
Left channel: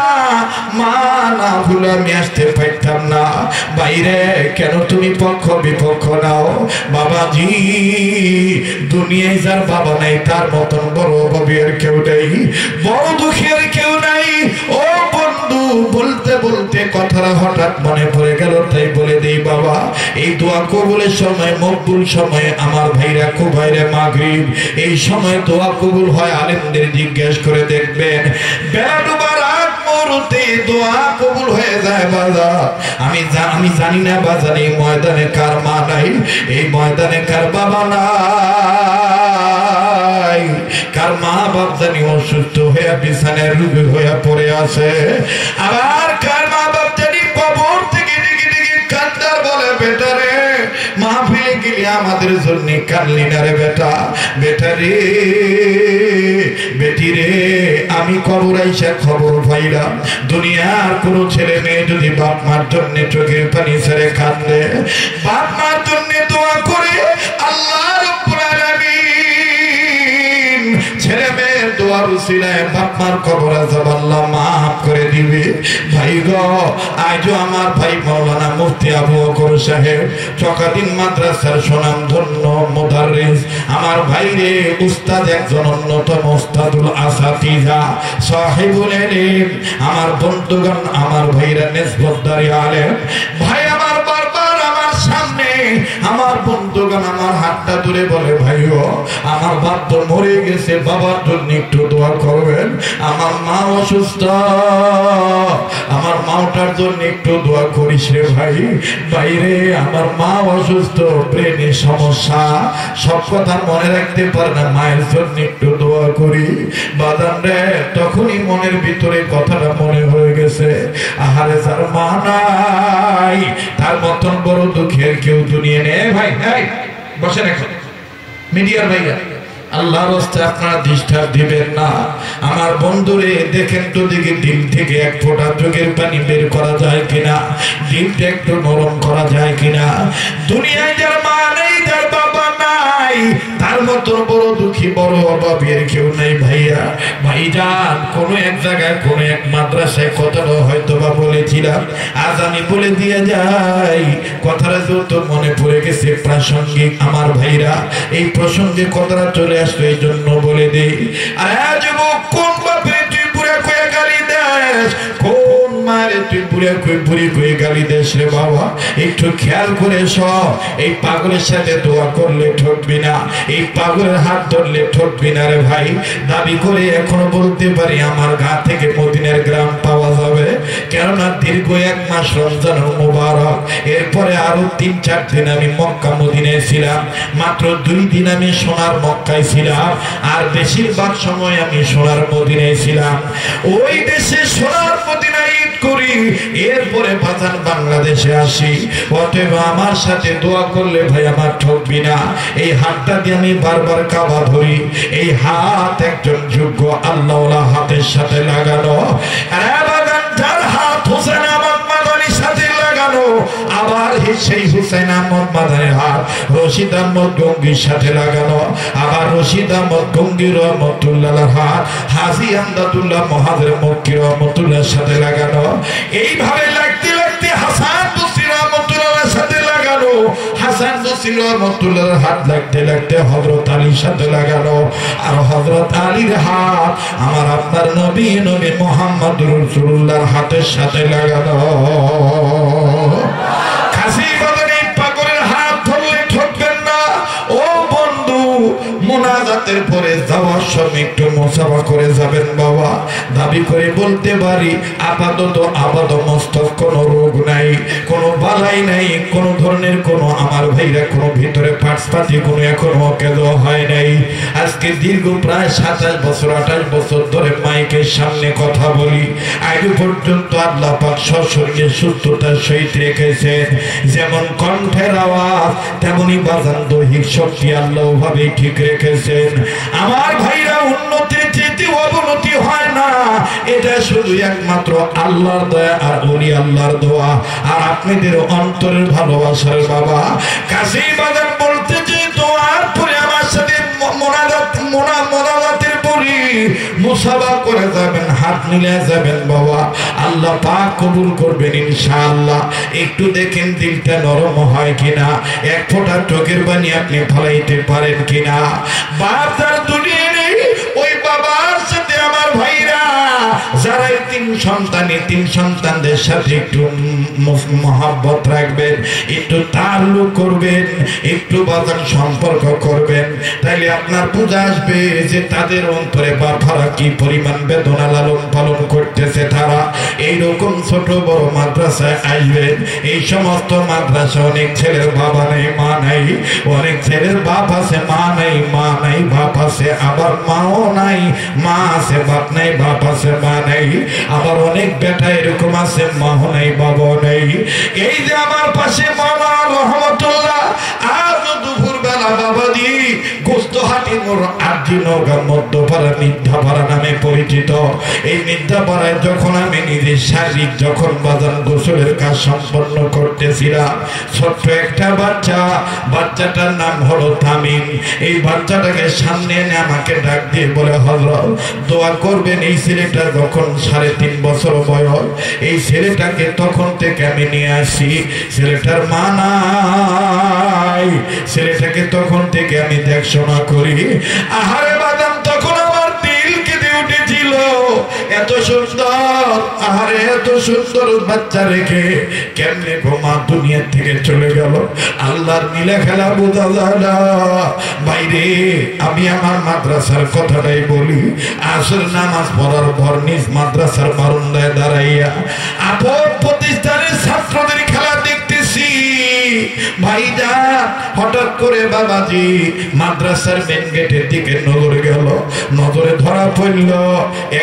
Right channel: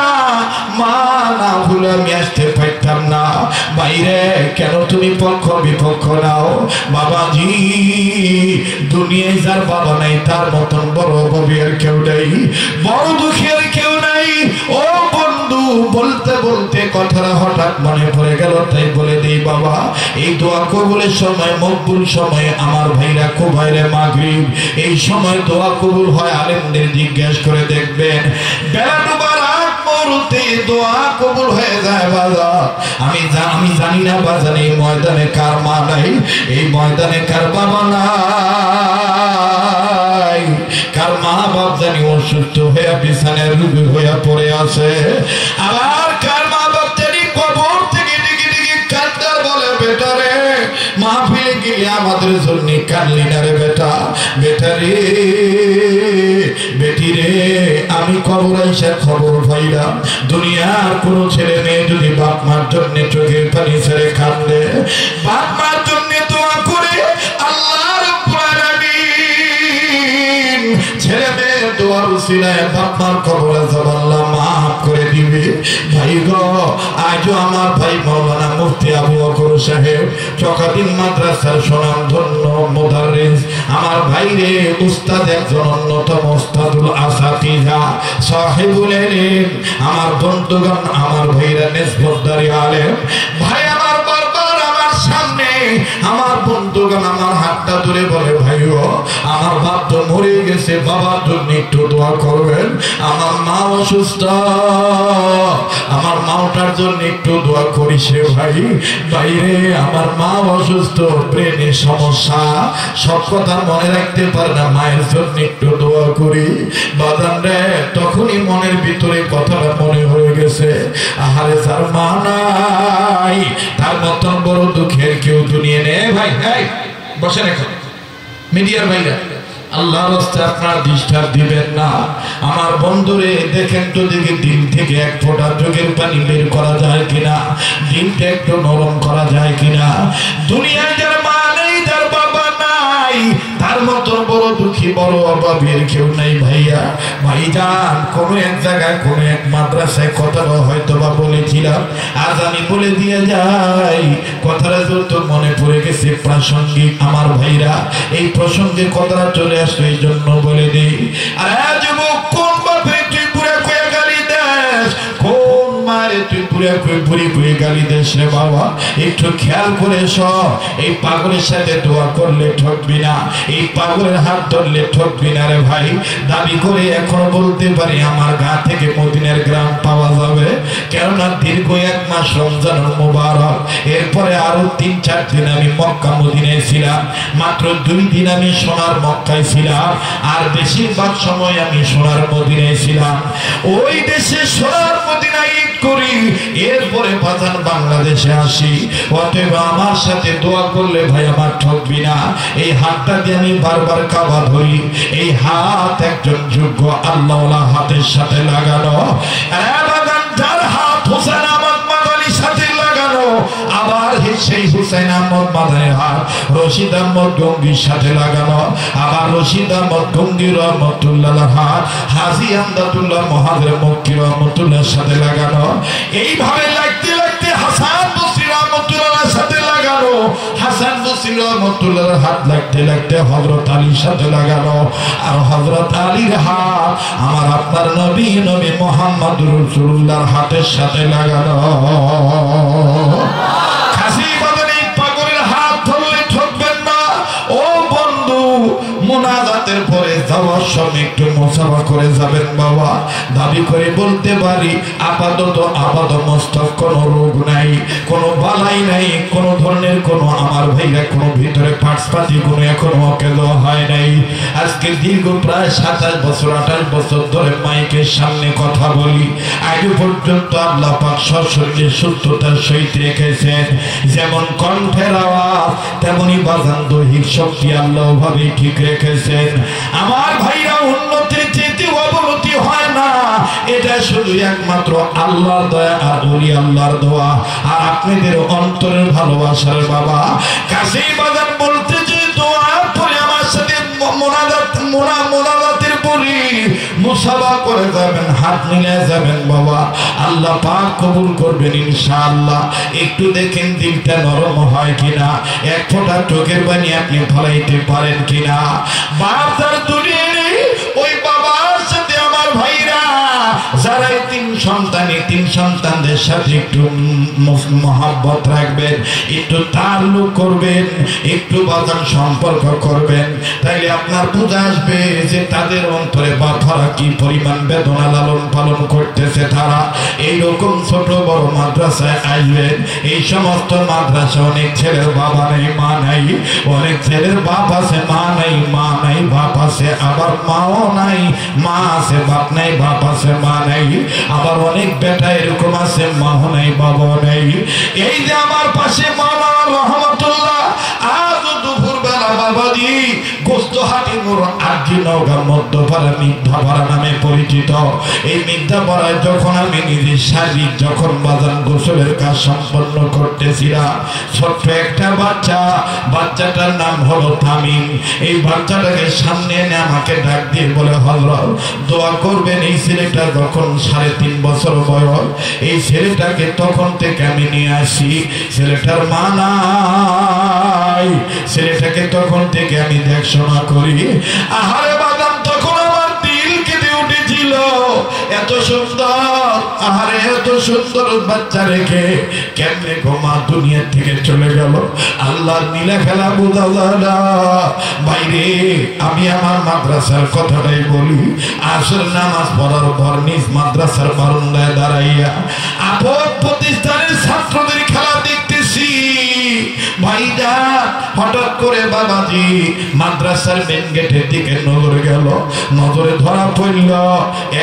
মা না হলে আমি আসতে পারতাম না। বাইরে কেন তুমি পক্ষ বিপক্ষ নাও? বাবাজি, দুনিয়ায় যার বাবা নাই তার মতন বড় অভাবের কেউ নেই, বড় দুঃখের কেউ নাই। ও বন্ধু, বলতে বলতে কথাটা হঠাৎ মনে পড়ে গেল, তাই বলে দেই বাবা, এই দোয়া কবুলের সময়, মকবুল সময়ে আমার ভাইরা খুব ভাইরে মাগরিব, এই সময় দোয়া কবুল হয়। আলেমদের জিজ্ঞেস করে দেখবেন, বেলা ডুবার আগ মুহূর্তে দোয়া কবুল হয়ে যায় বাজার। আমি জানি না বাজার এই ময়দানে কার মা নাই, এই ময়দানে কার বাবা নাই, কার মা বাপ জানি অসুস্থ হয়ে বিছানায় রোগী হয়ে পড়ে আছে, আবার কার মা বাপ জানি কবর থেকে দিকে দিকে কান্দার বলে, বেটা রে মাহফিলে গিয়ে আমাদের জন্য কানলি না রে বেটা, বেটা রে বেটি রে, আমি কবর আইসা খবর পাইলাম দুনিয়ার কোন ছেলে মেয়ে যদি বাপ মার জন্য চোখের পানি ছেড়ে কান্দে, বাপ মার জন্য দোয়া করে, আল্লাহ রাব্বুল আলামিন ছেলে মেয়ের দোয়ার উসিলায় বাপ মার কবর আযাব আল্লাহ মাফ করে দিবে। ভাই গো, আজও আমার ভাই মাওলানা মুফতি আবু বকর সাহেব চকাদিন মাদ্রাসার সুনামধন্য মুদাররিস, আমার ভাই রে উস্তাদ, একজন অন্যতম উস্তাদুল আসাতিজা সাহিবুল ইলম, আমার বন্ধুগণ, আমার ভাইরা নিসবতদারি আলেম ভাই, আমার বারবার আমার সামনে আমার বন্ধুগণ আমার হাতটা ধরে বলে, ভাইও আমার বাপ তো মরে গেছে, বাবার জন্য একটু দোয়া করবেন, আমার মা অসুস্থ, আমার মাওটার জন্য একটু দোয়া করিস রে ভাই। বাইরে আমার মা অসুস্থ, ব্রেনের সমস্যা, সব কথা মনে রাখতে পারে না, মায়ের জন্য একটু দোয়া করি। বাদাম রে, তখনই মনের ভিতরে কথাটা মনে হয়ে গেছে, আহারে যার মা নাই তার মতন বড় দুঃখের কেউ দুনিয়া নেই। ভাই বসে রাখো, মিডিয়ার ভাইরা, আল্লাহর রাস্তায় আপনারা ডিস্টার্ব দিবেন না। আমার বন্ধুরে দেখেন তো দেখি দিন থেকে এক ফোঁটা চোখের পানি বের করা যায় কিনা, দিনটা একটু নরম করা যায় কিনা। দুনিয়ায় যার মা নেই, যার বাবা নাই, তার মতো বড় দুঃখী বড় অভাবের কেউ নেই ভাইয়া। ভাইজান, কোন এক জায়গায় কোন এক মাদ্রাসায় কথাটা হয়তো বা বলেছিলাম, আজ আমি বলে দিয়ে যাই, কথাটা যেহেতু মনে পড়ে গেছে প্রাসঙ্গিক, আমার ভাইরা এই প্রসঙ্গে কথাটা চলে আসলে এই জন্য বলে দিই। আর যুবক, কোন বাপে তুই পুরে কুয়ে গালি দেশ, কোন মারে তুই পুরে কুয়ে গালি দেশ রে বাবা, একটু খেয়াল করে সব। এই পাগলের সাথে দোয়া করলে ঠকবি না, এই পাগলের হাত ধরলে ঠকবি না রে ভাই। দাবি করে এখনো বলতে পারি আমার গা থেকে মদিনার গ্রাম পাওয়া যাবে, কেননা দীর্ঘ 1 মাস রমজানুল মুবারক, এরপরে আরো 3-4 দিন আমি মক্কা মদিনায় ছিলাম, মাত্র 2 দিন আমি সোনার মক্কায় ছিলাম, আর বেশিরভাগ সময় আমি সোনার মদিনায় ছিলাম। ওই দেশে সোনার মদিনায় ঈদ করি, এরপরে পাঠান বাংলাদেশে আসি। অতএব আমার সাথে দোয়া করলে ভাই আমার ঠকবি না। এই হাতটা দিয়ে আমি বারবার কাবা ধরি, এই হাত একজন যোগ্য আল্লাহওয়ালা হাতের সাথে লাগানো, হাত হুসেন আহমদ মাদানির সাথে লাগানো, আবার সেই হুসেন আহমদ মাদানির হাত রশিদ আহমদ গঙ্গির সাথে লাগানো, আবার রশিদ আহমদ গঙ্গি রহমতুল্লাহ হাত হাজী আমদাদুল্লাহ মহাজের মক্কি রহমতুল্লাহর সাথে লাগানো। এইভাবে লাগতে লাগতে হাসান বসরি রহমতুল্লাহর সাথে লাগানো, হাসান বসরি রহমতুল্লাহর হাত লাগতে লাগতে হযরত আলীর সাথে লাগানো, আর হযরত আলীর হাত আমার আপনার নবী মুহাম্মদুর রাসূলুল্লাহর হাতের সাথে লাগানো। কাশী বাজারে পাগলের হাত ধরলে ঠকবেন না। ও বন্ধু, মুনাজাতের পরে যাওয়ার সময় একটু মুসাফা করে যাবেন বাবা। দাবি করে বলতে পারি আপাতত মস্তক কোনো রোগ নাই, কোনো বালাই নাই, কোনো ধরনের কোনো আমার ভাইরা কোনো ভিতরে পাটপাতি কোনো এখনো কেন হয় নাই। আজকে দীর্ঘ প্রায় 27 বছর 28 বছর ধরে মাইকের সামনে কথা বলি, আজ পর্যন্ত আল্লাহ পাক সশরীরে সুস্থতার সহিত রেখেছেন। যেমন কণ্ঠের আওয়াজ তেমনি বাজান দৈহিক শক্তি আল্লাহ ভাবে ঠিক রেখেছেন। আমার ভাইরা উন্নতির চেয়ে অবনতি হয় না, এটা শুধু একমাত্র আল্লাহর দয়া আর ওলি আল্লাহর দোয়া আর আপনাদের অন্তরের ভালোবাসার বাবা। কাশী বাজার বলতে যে দোয়ার পরে আমার সাথে মোনাজাতের পরে মুসাফা করে যাবেন, হাত মিলে যাবেন বাবা। আল্লাহ পাক কবুল করবেন ইনশাআল্লাহ। একটু দেখেন দিলটা নরম হয় কিনা, এক ফোঁটা চোখের পানি আপনি ফলাইতে পারেন কিনা। বাবার দুনিয়ায় ওই বাবার সাথে আমার ভাইরা যারা তিন সন্তানদের সাথে একটু মহব্বত রাখবেন, একটু তাল্লুক করবেন, একটু বাজান সম্পর্ক করবেন, তাইলে আপনার বুঝে আসবে যে তাদের অন্তরে বাবারা কি পরিমাণ বেদনা লালন পালন করতেছে। তারা এইরকম ছোট বড় মাদ্রাসায় আসবেন। এই সমস্ত মাদ্রাসা অনেক ছেলের বাবা নেই মা নাই, অনেক ছেলের বাপ আছে মা নাই, মা নাই বাপ আছে, আবার মাও নাই, মা আছে বাপ নাই, বাপ আছে মা নাই, আবার অনেক বেটা এরকম আছে মাও নাই বাবা নাই। এই যে আমার পাশে মামা রহমতুল্লাহ আজ দুপুর বেলা বাবা দি গোস্তহাটি মোড় আদি নওগাঁ মধ্যপাড়া মিথ্যাপাড়া নামে পরিচিত। এই মিথ্যাপাড়ায় যখন আমি নিজের শারীরিক যখন বাজান গোসলের কাজ সম্পন্ন করতেছিলাম, ছোট্ট একটা বাচ্চাটার নাম হলো তামিম। এই বাচ্চাটাকে সামনে এনে আমাকে ডাক দিয়ে বলে, হযরত দোয়া করবেন এই ছেলেটা যখন 3.5 বছর বয়স, এই ছেলেটাকে তখন থেকে আমি নিয়ে আসি, ছেলেটার মা নাই, ছেলেটাকে তখন থেকে আমি দেখশোনা করি। আহারে বাদাম তখন আমার দিল কেঁদে উঠেছিল, এত সুন্দর, আহারে এত সুন্দর বাচ্চা রেখে কেমনে মা দুনিয়া থেকে চলে গেল। আল্লাহর নীলা খেলা বোঝা যায় না বাইরে। আমি আমার মাদ্রাসার কথাটাই বলি, আসর নামাজ পড়ার পর নিজ মাদ্রাসার বারান্দায় দাঁড়াইয়া আপন প্রতিষ্ঠানের ছাত্রদের খেলা দেখতেছি। ভাইরা হঠাৎ করে বাবাজি মাদ্রাসার মেন গেটের দিকে নজর গেল, নজরে ধরা পড়ল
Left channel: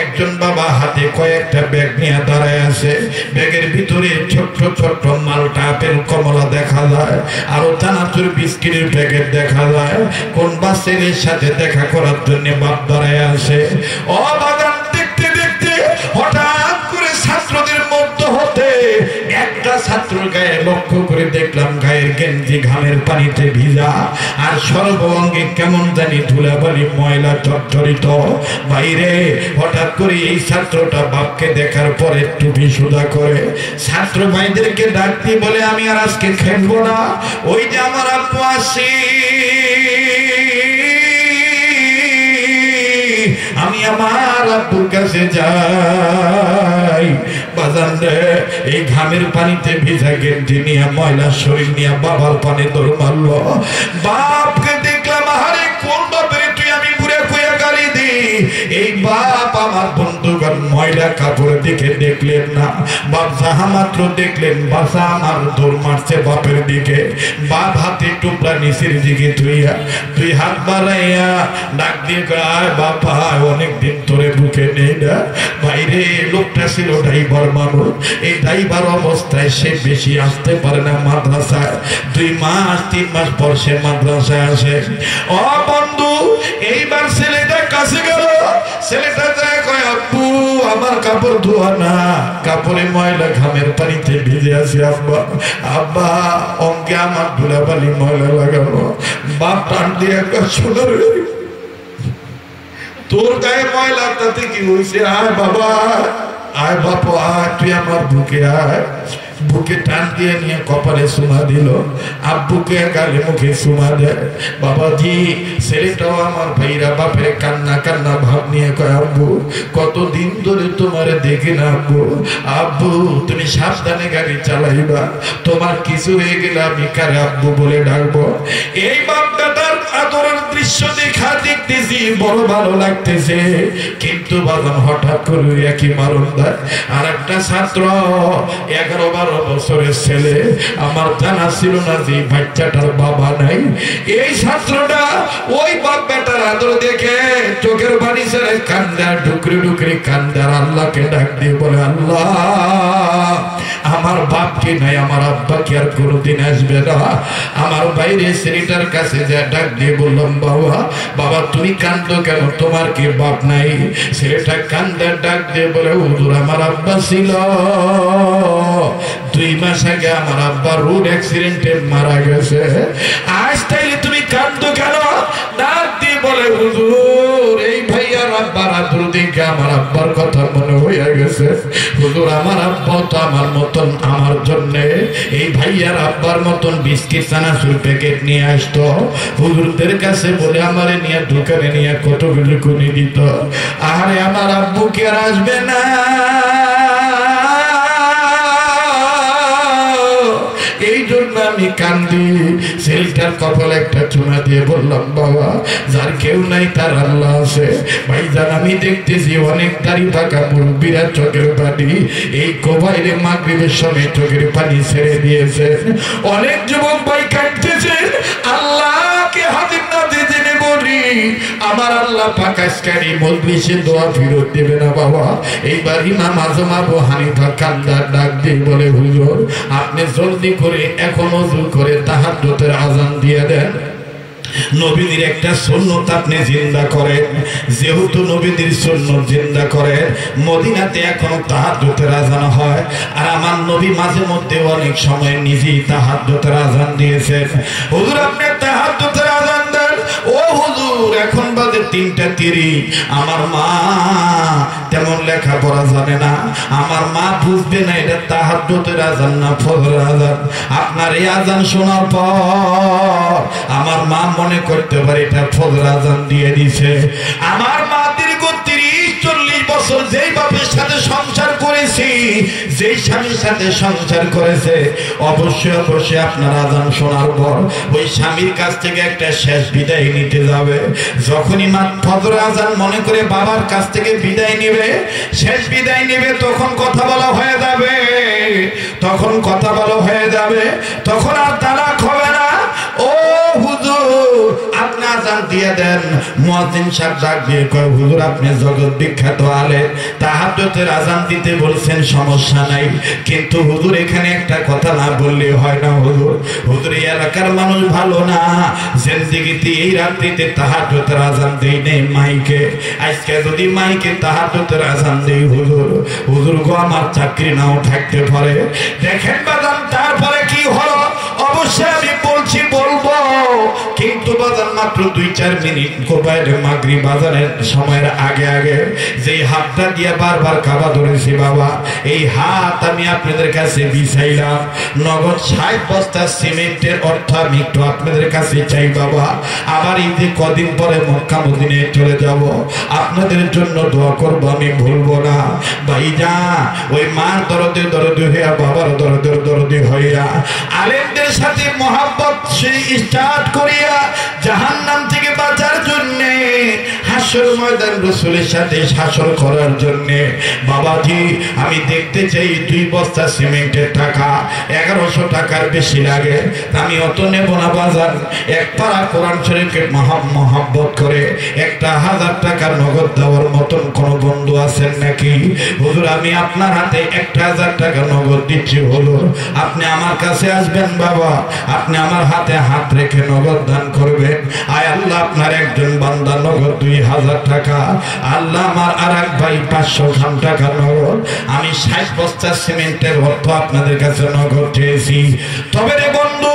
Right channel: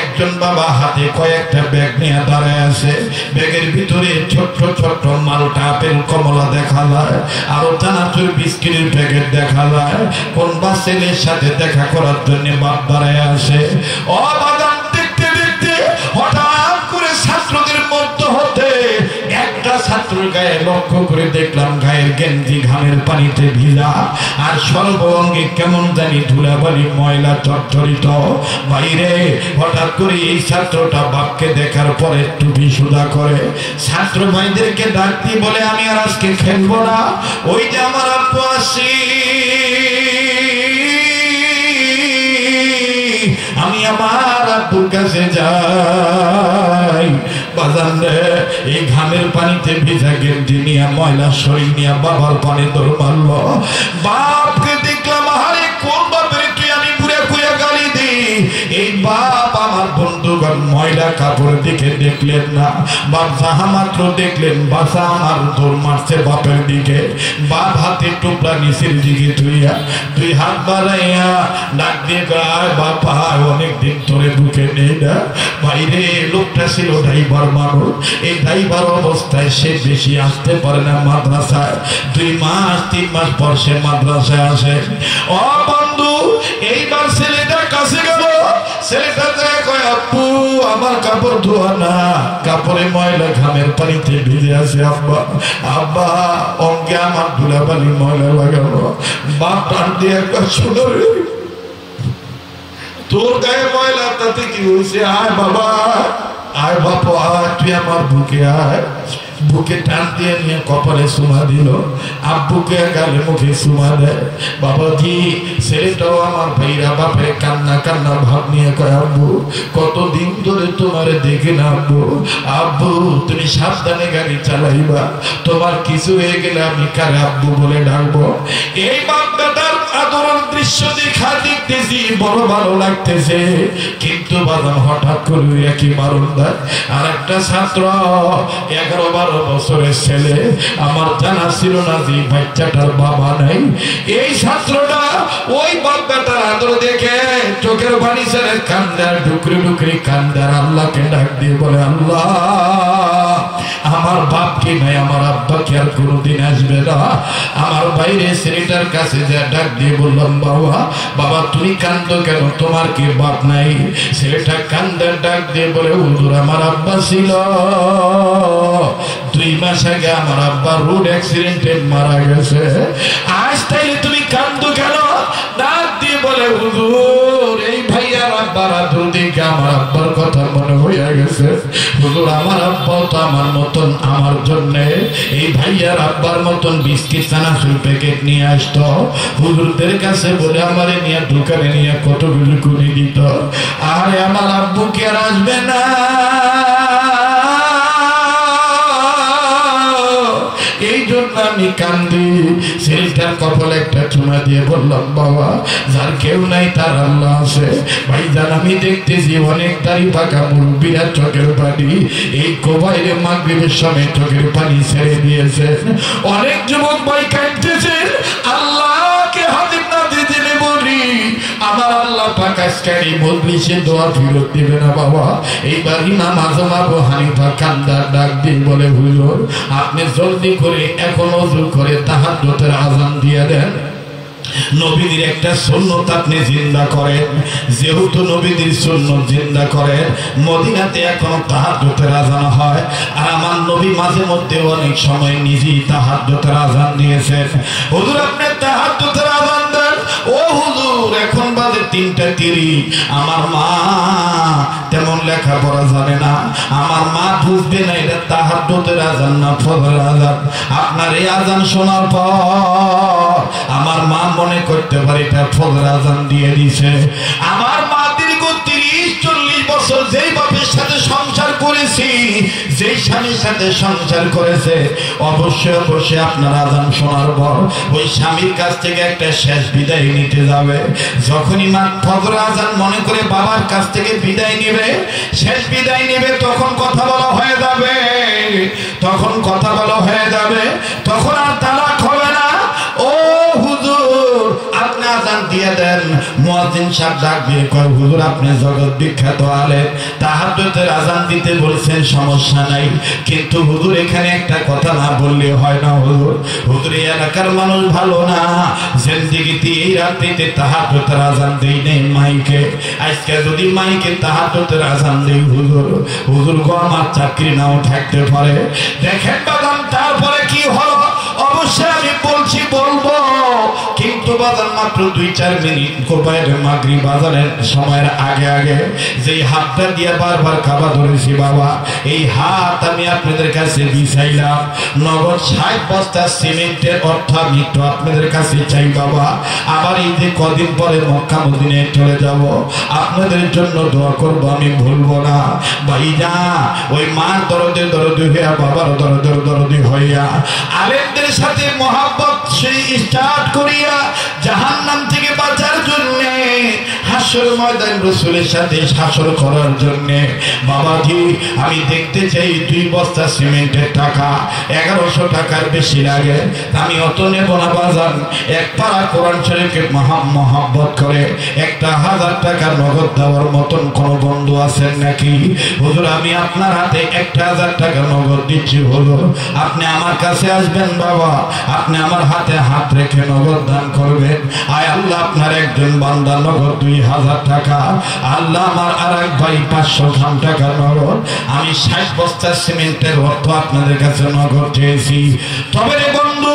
একজন বাবা হাতে কয়েকটা ব্যাগ নিয়ে দাঁড়ায় আছে। ব্যাগের ভিতরে ছোট্ট ছোট্ট মালটা আপেল কমলা দেখা যায়, আরো চানাচুর বিস্কিটের প্যাকেট দেখা যায়। কোন বা ছেলের সাথে দেখা করার জন্য বাপ দাঁড়ায় আছে। ও বাদাম দেখতে দেখতে হঠাৎ করে ছাত্রদের মধ্য হতে একটা ছাত্রের গায়ে লক্ষ্য করে দেখলাম গায়ের গেঞ্জি ঘামের পানিতে ভিজা, আর সর্বঙ্গে কেমন জানি ধুলাবালি ময়লা চটচরিত। বাইরে হঠাৎ করে এই ছাত্রটা বাপকে দেখার পরে টুপি সুদা করে ছাত্র ভাইদেরকে ডাক দিয়ে বলে, আমি আর আজকে খেলবো না, ওই যে আমার আব্বু আসি, আমি আমার আব্বুর কাছে যাই। বাজান রে, এই ঘামের পানিতে ভিজা গেঞ্জি নিয়ে ময়লা শরীর নিয়ে বাবার পানে দৌড় মারল। বাপকে দেখলাম, আরে কোন বাপের তুই আমি বুড়া কুয়া গালি দি। এই বাপ আমার বন্ধুগণ ময়লা কাপড় দিকে দেখলেন না, বাপ যাহা মাত্র দেখলেন বাসা আমার দৌড় মারছে বাপের দিকে। বাপ হাতে টুকরা নিচের দিকে ধুইয়া দুই হাত বাড়াইয়া ডাক দিয়ে গায়, বাপা অনেকদিন ধরে বুকে নেই না। বাইরে লোকটা ছিল ড্রাইভার মানুষ, এই ড্রাইভার অবস্থায় সে বেশি আসতে পারে না মাদ্রাসায়। 2 মাস 3 মাস পর সে মাদ্রাসায় আসে। ও বন্ধু, এইবার ছেলেটার কাছে গেল, ছেলেটা কয়, আপু আমার কাপড় ধোয়া না, কাপড় তারপরে ময়লা ঘামের পানিতে ভিজে আছে আব্বা আব্বা অঙ্কে আমার ধুলাবালি ময়লা লাগানো বাপ টান দিয়ে একবার শোনো তোর গায়ে ময়লা তাতে কি হয়েছে আয় বাবা আয় বাপু আয় তুই আমার বুকে আয় বুকে টান দিয়ে নিয়ে কপালে সোনা দিল আব্বুকে গালে মুখে সোনা দেয় বাবাজি ছেলেটাও আমার ভাইরা বাপের কান্না কান্না ভাব নিয়ে কয় আব্বু কতদিন ধরে তোমার দেখে না আব্বু আব্বু তুমি সাবধানে গাড়ি চালাইবা তোমার কিছু হয়ে গেলে আমি কারে আব্বু বলে ডাকবো এই বাপ বেটার আদরের দৃশ্য দেখা দেখতেছি বড় ভালো লাগতেছে কিন্তু বাদাম হঠাৎ করে একই মারণ দেয় আর একটা ছাত্র 11-12 বছরের ছেলে আমার জানা ছিল না যে বাচ্চাটার বাবা নাই এই ছাত্রটা ওই বাপ বেটার আদর দেখে চোখের পানি ছেড়ে কান্দার ডুকরি ডুকরি কান্দার আল্লাহকে ডাক দিয়ে বলে আল্লাহ আমার বাপকে নাই আমার আব্বাকে আর কোনোদিন আসবে না আমার বাইরে ছেলেটার কাছে যা ডাক দিয়ে বললাম বাবা বাবা তুমি কান্দো কেন তোমার কি বাপ নাই ছেলেটা কান্দার ডাক দিয়ে বলে হুজুর আমার আব্বা ছিল 2 মাস আগে আমার আব্বা রোড অ্যাক্সিডেন্টে মারা গেছে আজ তাইলে তুমি কান্দো কেন ডাক দিয়ে বলে হুজুর এই ভাইয়ার আব্বার আদর দেখে আমার আব্বার কথা মনে হয়ে গেছে হুজুর আমার আব্বা তো আমার মতন আমার জন্য এই ভাইয়ার আব্বার মতন বিস্কিট চানাচুর প্যাকেট নিয়ে আসতো হুজুরদের কাছে বলে আমারে নিয়ে দোকানে নিয়ে কতগুলো করে দিত আরে আমার আব্বু কি আর আসবে না এই জন্য আমি কান্দি ছেলেটার কপালে একটা চুমা দিয়ে বললাম বাবা যার কেউ নাই তার আল্লাহ আছে ভাইজান আমি দেখতেছি অনেক দাড়ি পাকা মুরব্বীরা চোখের পানি এই কোবাইলে মাগরিবের সময় চোখের পানি ছেড়ে দিয়েছে অনেক যুবক ভাই কাঁদতেছেন আল্লাহকে হাজির না দিতে বলি আমার আল্লাহ পাক আজকারি মজলিসে দোয়া ফিরত দেবে না বাবা এইবার ইমাম আজম আবু হানিফা কান্দার ডাক দিয়ে বলে হুজুর আপনি জলদি করে এখন ওযু করে তাহাজ্জুদের আযান দিয়ে দেন নবীদের একটা সুন্নাত আপনি জিন্দা করেন যেহেতু নবীদের সুন্নাত জিন্দা করেন মদিনাতে এখনো তাহাজ্জুদের আযান হয় আর আমার নবী মাঝে মধ্যে অনেক সময় নিজেই তাহাজ্জুদের আযান দিয়েছেন হুজুর আপনি তাহাজ্জুদের আযান দেন ও হুজুর এখন বাজে 3:30 আমার মা তেমন লেখাপড়া জানে না আমার মা বুঝবে না এটা তাহাজ্জুদের আযান না ফজরের আযান আপনার এই আযান শোনার পর আমার মা মনে করতে পারে এটা ফজর আযান দিয়ে দিছে আমার মা দীর্ঘ 30-40 বছর যেই বাপের সাথে সংসার করেছি যেই স্বামীর সাথে সংসার করেছে অবশ্যই অবশ্যই আপনার আযান শোনার পর ওই স্বামীর কাছ থেকে একটা শেষ বিদায় নিতে যাবে যখনই মা ফজর আযান মনে করে বাবার কাছ থেকে বিদায় নেবে শেষ বিদায় নেবে তখন কথা বলা হয়ে যাবে তখন আর তালাক হবে না ও হুজুর আপনি আযান দিয়ে দেন মুয়াজ্জিন সাহেব ডাক দিয়ে কয় হুজুর আপনি জগৎ বিখ্যাত আলেম তাহাজ্জুদের আযান দিতে বলছেন সমস্যা নাই কিন্তু হুজুর এখানে একটা কথা না বললে হয় না হুজুর এই এলাকার মানুষ ভালো না জিন্দেগিতে এই রাত্রিতে তাহাজ্জুদের আযান দেই নেই মাইকে আজকে যদি মাইকে তাহাজ্জুদের আযান দেই হুজুর গো আমার চাকরি নাও থাকতে পারে দেখেন বাদাম তারপরে কি হলো অবশ্যই আমি বলবো কিন্তু বাজার মাত্র 2-4 মিনিট কোবাইলে মাগরিব বাজারের সময়ের আগে যে হাতটা দিয়ে বারবার কাবা ধরেছি বাবা এই হাত আমি আপনাদের কাছে বিছাইলাম নগদ 60 বস্তা সিমেন্টের অর্থ আমি একটু আপনাদের কাছে চাই বাবা আবার এই যে কদিন পরে মক্কা মদিনায় চলে যাব আপনাদের জন্য দোয়া করব আমি ভুলবো না ভাইজা ওই মা দরদে হইয়া বাবার দরদে হইয়া আলেমদের সাথে মহব্বত সেই স্টার্ট করিয়া জাহান্নাম থেকে বাঁচার জন্য হাসর ময়দান রাসূলের সাথে হাসর করার জন্য বাবাজি আমি দেখতে চাই 2 বস্তা সিমেন্টের টাকা 1100 টাকার বেশি লাগে আমি অত নেব না বাজার এক পারা কোরআন শরীফকে মহব্বত করে 1000 টাকা নগদ দেওয়ার মতন কোন বন্ধু আছেন নাকি হুজুর আমি আপনার হাতে 1000 টাকা নগদ দিচ্ছি আপনি আমার কাছে আসবেন বাবা আপনি আমার হাতে হাত রেখে নগদ দান করবেন আয় আল্লাহ আপনার একজন বান্দা নগদ 2000 2000 টাকা। আল্লাহ আমার আর এক ভাই 500 খান টাকা নগদ। আমি 60 বস্তা সিমেন্টের অর্থ আপনাদের কাছে নগদ চেয়েছি। তবে রে বন্ধু,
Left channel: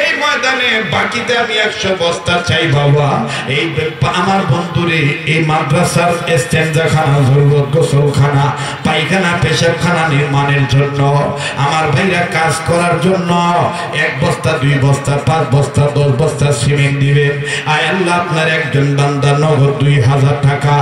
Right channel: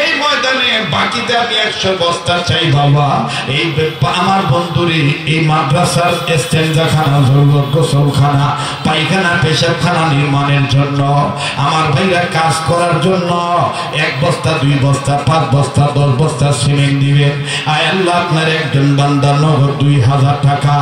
এই ময়দানে বাকিতে আমি 100 বস্তা চাই বাবা। এই আমার বন্ধুরে এই মাদ্রাসার ইস্তেঞ্জাখানা, গোসলখানা, পায়খানা, পেশাবখানা নির্মাণের জন্য, আমার ভাইরা কাজ করার জন্য 1 বস্তা, 2 বস্তা, 5 বস্তা, 10 বস্তা সিমেন্ট দিবেন। আয় আল্লাহ, আপনার একজন বান্দা নগদ 2000 টাকা।